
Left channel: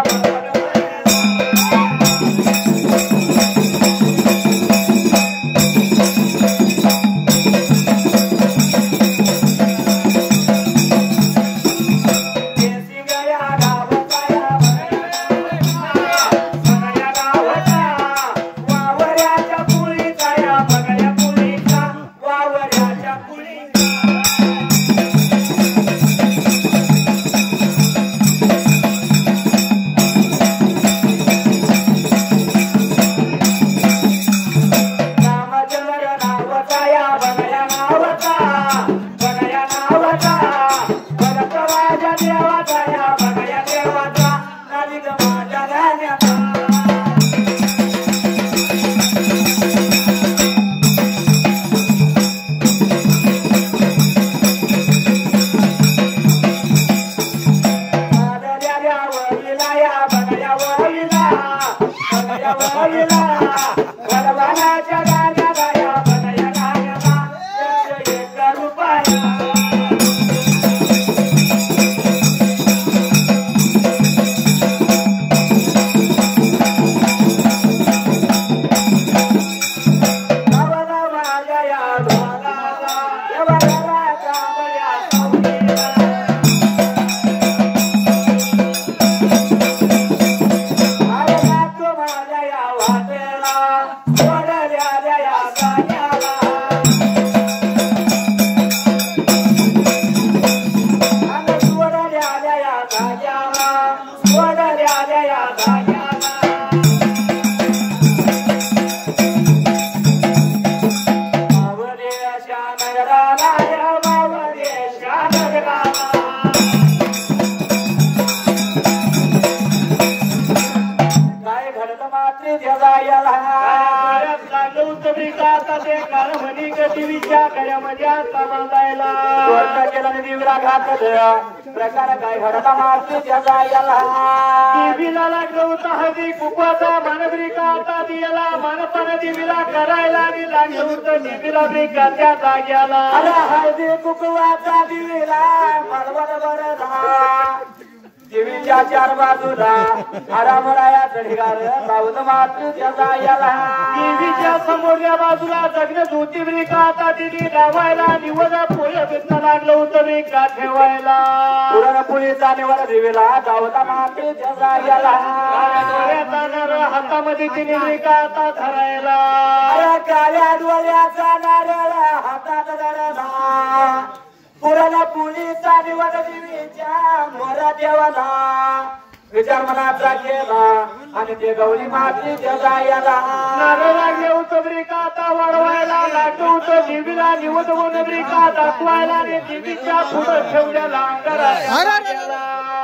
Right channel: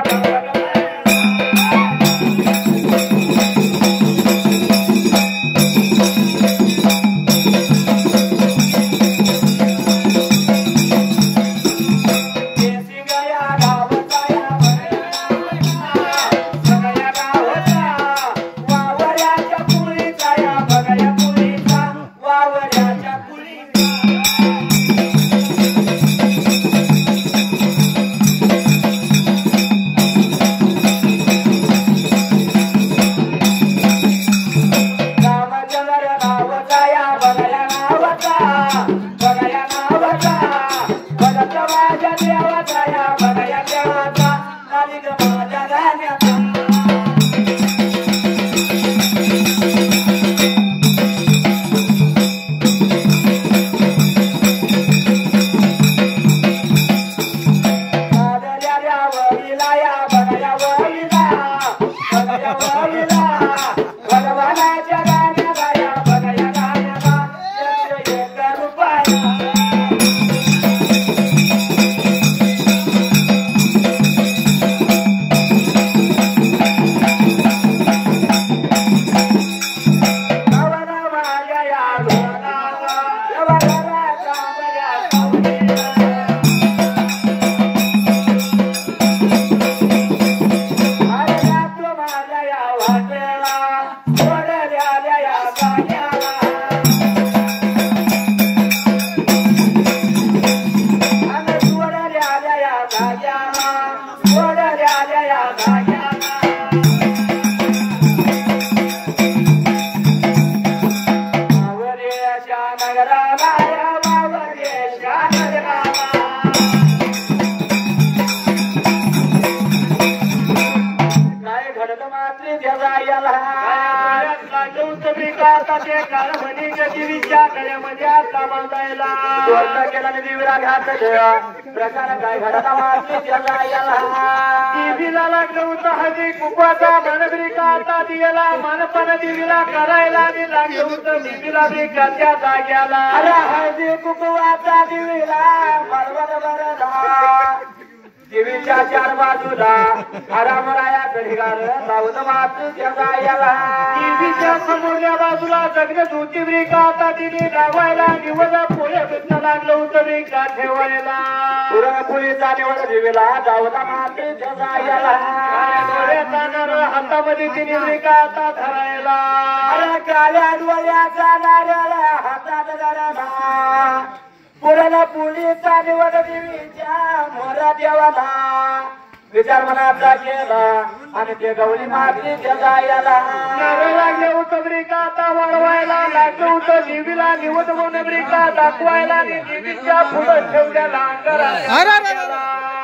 देवीला लागलं होतं हळदी कुंकवाचा मनब्रिका आता दिला मानपण देवीला करायला आणि लागलं होतं देवीला ब्रिकाच्या जाग्याला हळदी कुंकवाचा दिवीला देवीच्या चार बाजूला मरामराया घडीगार सावध मातृच्या जायला देवीच्या समोरच्या बाजूला जगण्यात होती ब्रिका आता तिने लावायला निवडा पोळ्या भेटणं लागलं होतं ब्रिका ठेवायला पुढेचा निवड देवीला सावध मातृच्या जायला हातामध्ये तिने ब्रिका आता धरायला काळ्या डोळ्याचा नारळ हातात धरला पुराला पुलीचा निवड देवीच्या मोरा देवाला विचार मनाचा केला आणि ते गौरी मातीच्या जायला नारळ लागलं होतं ब्रिका आता वाढवायला लागलं होतं देवीला निवड म्हणून ब्रिका दाखवायला आणि देवीच्या पुढे ठेवलेला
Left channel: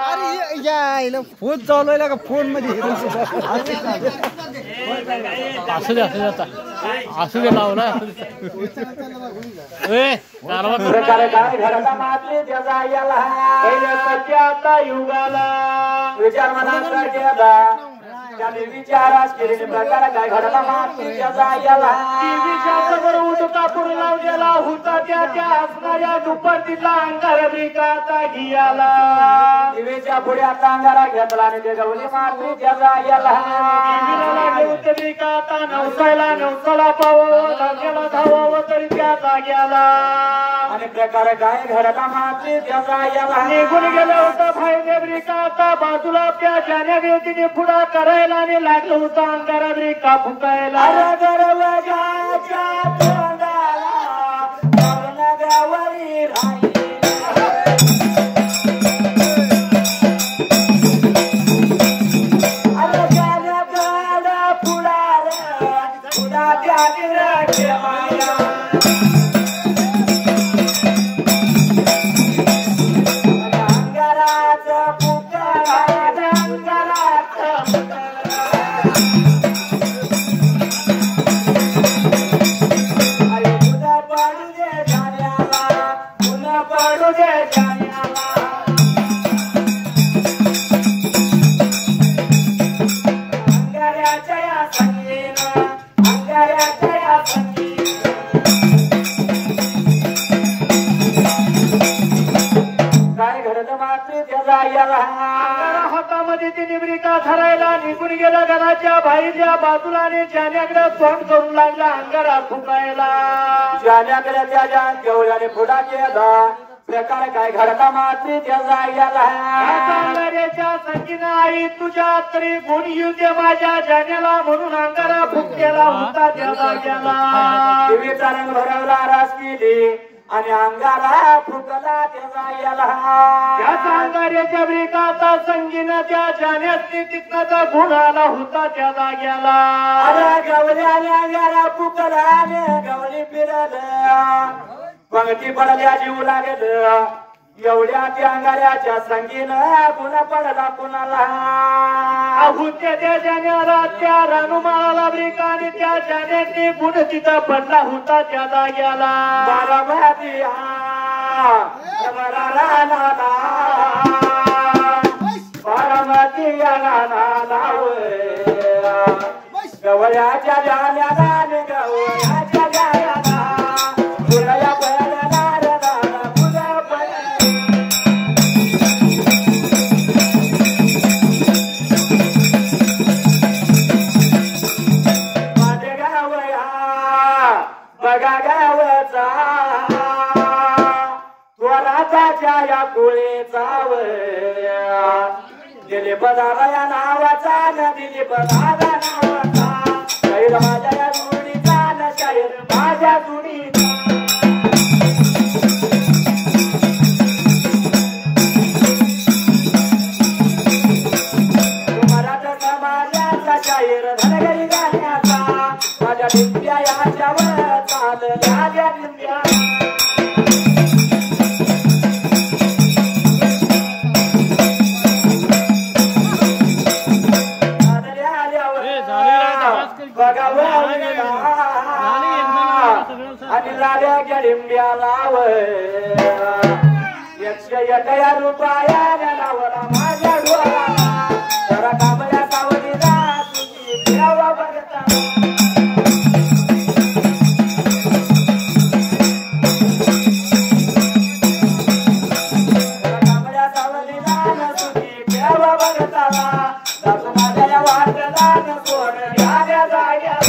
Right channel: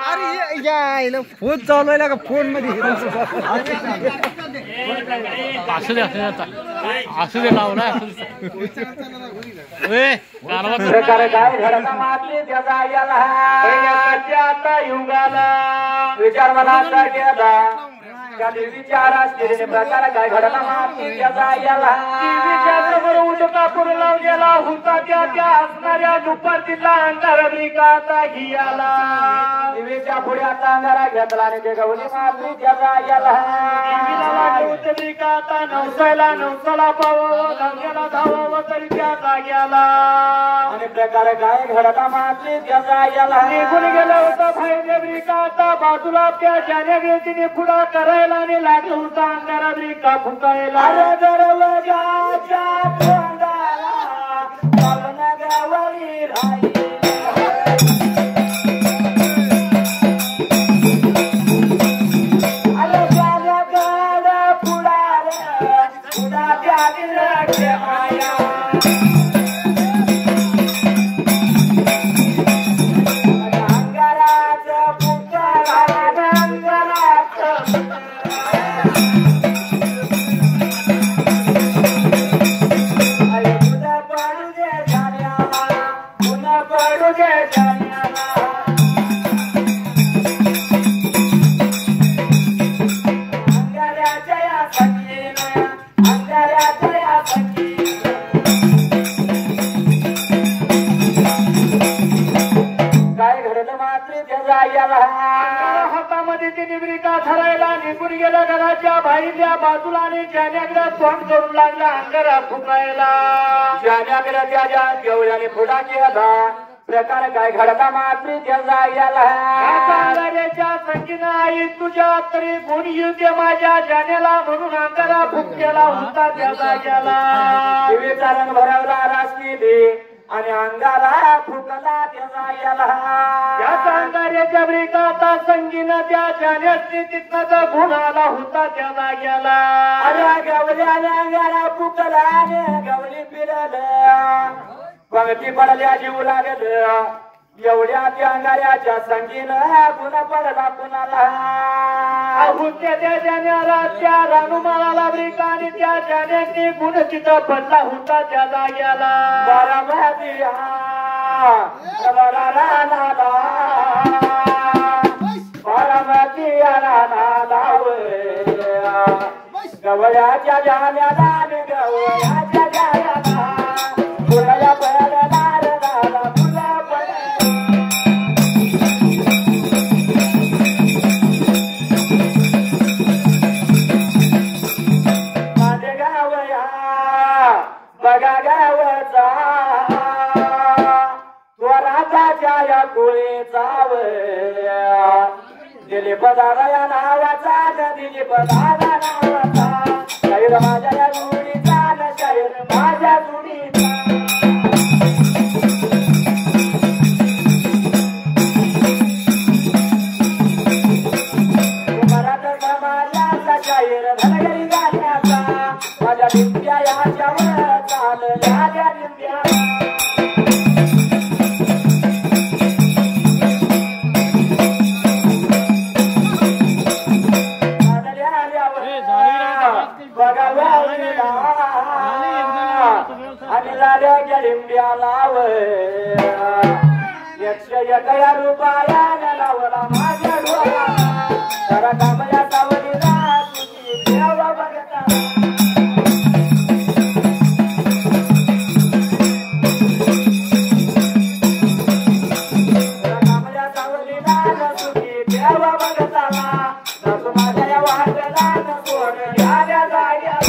अरे यायला फोन चालवायला का फोन मध्ये असू दे लावला प्रकारे काय घराला मातीच्या जायला आता युगाला विचार मनाचा केला देवीच्या आरास केलेले प्रकार काय घराला मातीच्या जायला देवीच्या समोर उठता पुढे लावलेला होता त्या असणाऱ्या दुपारतीला अंधार ब्रिका आता घियाला देवीच्या पुढे आता अंगारा घेतला आणि ते गवली मातीच्या जायला देवीला लागले होते ब्रिका आता नवसाला पाहून अंगाला धावावं तरी त्या जाग्याला आणि प्रकार काय घराला मातीच्या जायला निघून गेला होता फायदे ब्रिका आता बाजूला त्या जाण्या व्यक्तीने पुढा करायला आणि लागलं होतं अंधारा ब्रिका फुकायला दरवाजाच्या तोंडाला गावारी राहिली तोंड करून लागला अंगारा फुकायला जाण्याकडे त्याच्या गवळ्याने फुटा केला प्रकार काय घडता मात्री जायला अंगाऱ्याच्या संगीनं आई तुझ्या तरी गुण येऊ दे माझ्या जाण्याला म्हणून अंगारा फुक केला होता त्याला गेला देवीचा रंग भरवला रास केली आणि अंगारा फुकला त्याला त्याच्या अंगाऱ्याच्या ब्रिकाचा संगीनं त्या जाण्यासनी तिथनं गुण आला होता त्याला गेला गवल्याने अंगारा फुकला गवली फिरलं पंक्ती पडल्या जीव लागल एवढ्या त्या अंगाऱ्याच्या संगीनं गुण पडला कुणाला त्या जाण्याला त्या रानुमाळाला ब्रिका आणि त्या जाण्याने गुण तिथं पडला होता त्या जाग्याला गवळ्याच्या जाण्याला गवळ्याच्या जाण्याला फुलाया पडला फुला माझे गाव बघा गावचा स्वराच्या या कुळीचा दिली पदारा नावाचा दिली पदारा माझ्या गुढीचा शरीर माझ्या गुढीचा मराठा समाजाचा शाहीर धनगरी गाण्याचा माझ्या दिंड्या याच्यावर चालल्या त्या दिंड्या आणि लाड्या गडिंब्या लाव 101 रुपयाला लावला माझ्या डोळ्याला जरा कामल्या सावलीला तुझी देवा बघता कामल्या सावलीला तुझी देवा बघता दासू माझ्या वाटला सोड द्या जाग्याला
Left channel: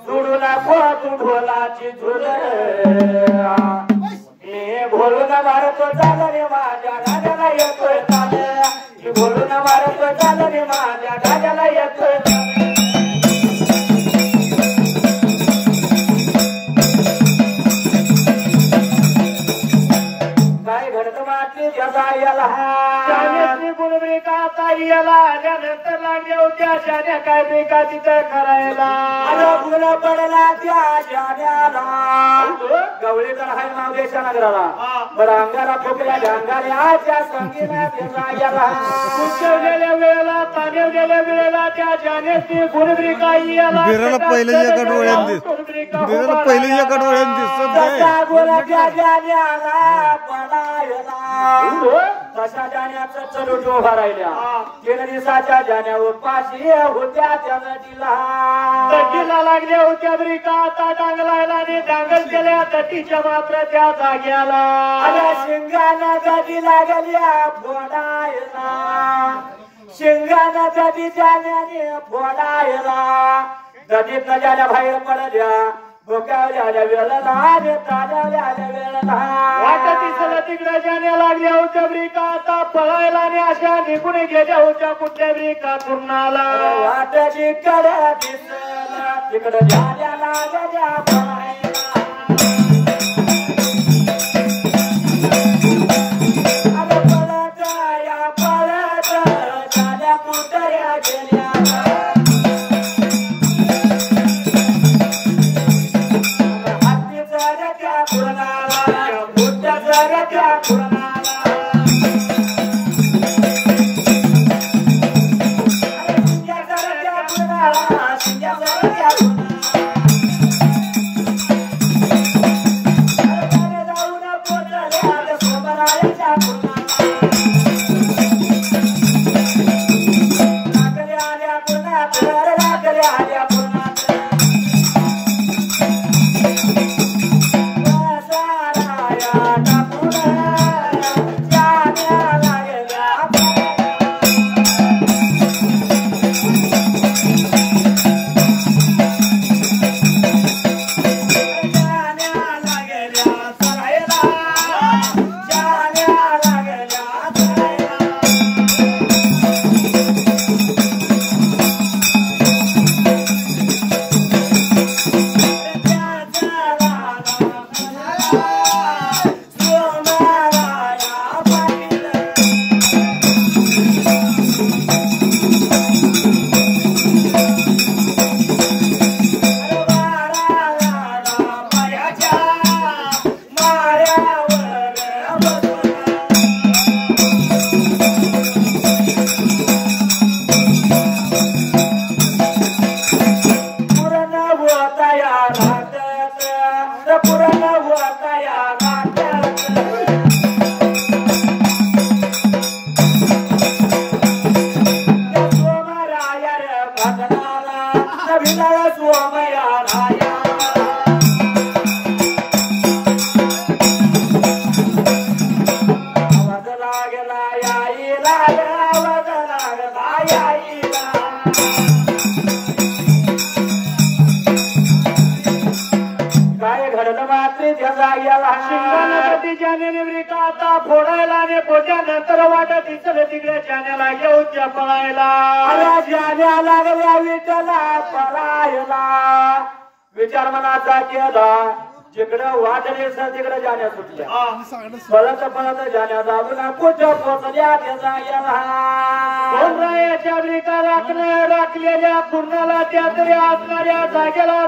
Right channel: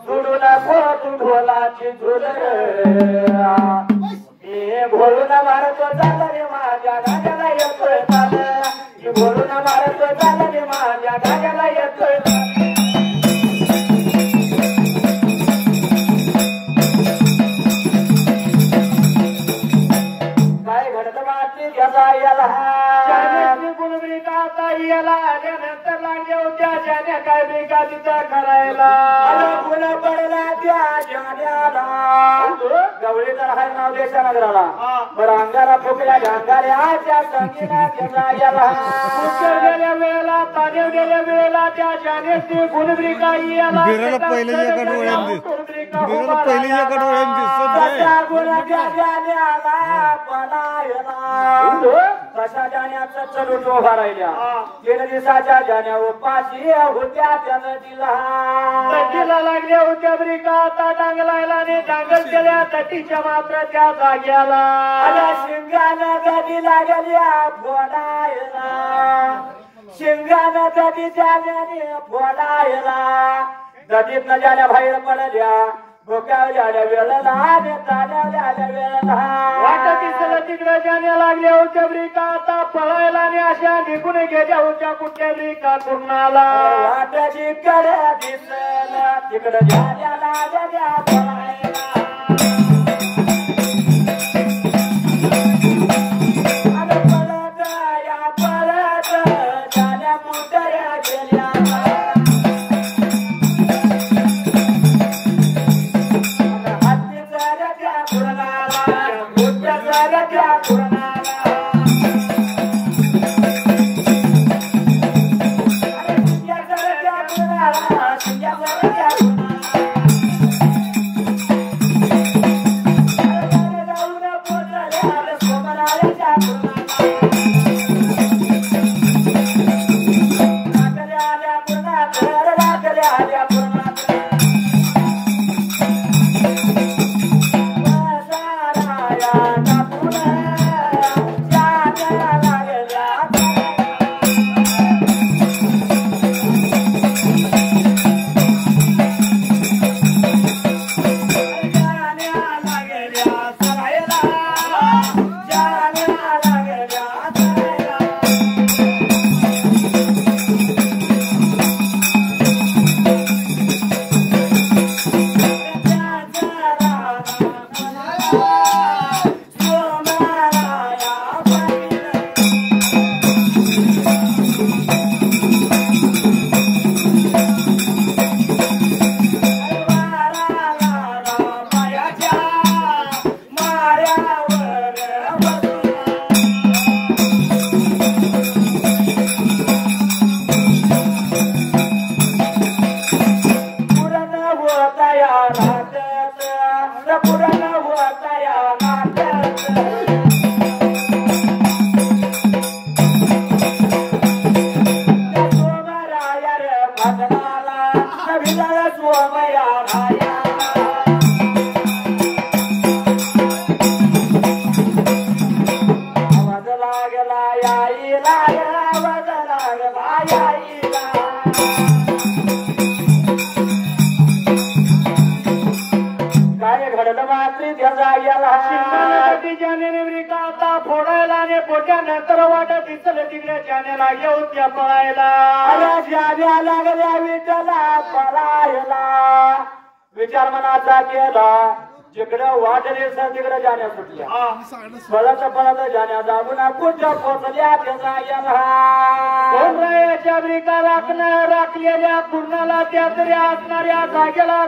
सोडू नको तू ढोलाची झुल मी घोडून मारतो चाल रे माझ्या गाण्याला येतोय चाल मी घोडून मारतो चाल रे माझ्या गाण्याला येतोय काय घडत माती त्याचा याला याला आल्यानंतर लागल्या होत्या शाण्या काय बेका तिथं करायला गुण पडला त्या जाण्याला गवळीकर हाय मावदेशा नगराला बरं अंगाला फुकल्या अंगाऱ्याच्या संगीना त्याला याला उच्चवलेल्या वेळेला ताणवलेल्या वेळेला त्या जाण्याची गुणब्रिका याला बिराला पहिले एका डोळ्यात बिराला पहिले एका डोळ्यात दिसत नाही गुणाच्या जाण्याला पडायला तशा जाण्याचा चरूट उभा राहिल्या 3 दिवसाच्या जाण्या उपाशी होत्या त्याला तटीला लागल्या होत्या ब्रिका आता डांगलायला आणि डांगल केल्या तटीच्या मात्र त्या जाग्याला शिंगानं तटी लागल्या फोडायला शिंगानं तटी जाण्याने फोडायला तटीत न जाण्या बाहेर पडल्या भोकावल्या वेळेला आणि ताण्यावल्या वेळेला वाटतीसला तिकडे जाण्या लागल्या होत्या ब्रिका आता पळायला आणि अशा निघून गेल्या होत्या कुठल्या ब्रिका कुर्णाला वाटची कडे दिसला तिकडे जाण्या लागल्या पळायला जाण्या कुठल्या गेल्या शिंगाला जाण्याने ब्रिका आता फोडायला आणि फोडल्यानंतर वाटत दिसलं तिकडे जाण्याला येऊन त्या पळायला जाण्या लागल्या विठ्ठला पळायला विचार मनाचा केला जिकडं वाटले सर तिकडे जाण्या सुटल्या पळत पळत जाण्या जाऊन कुठं पोचल्या रायाच्या ब्रिका राखलेल्या पूर्णाला त्या तरी असणाऱ्या जागेला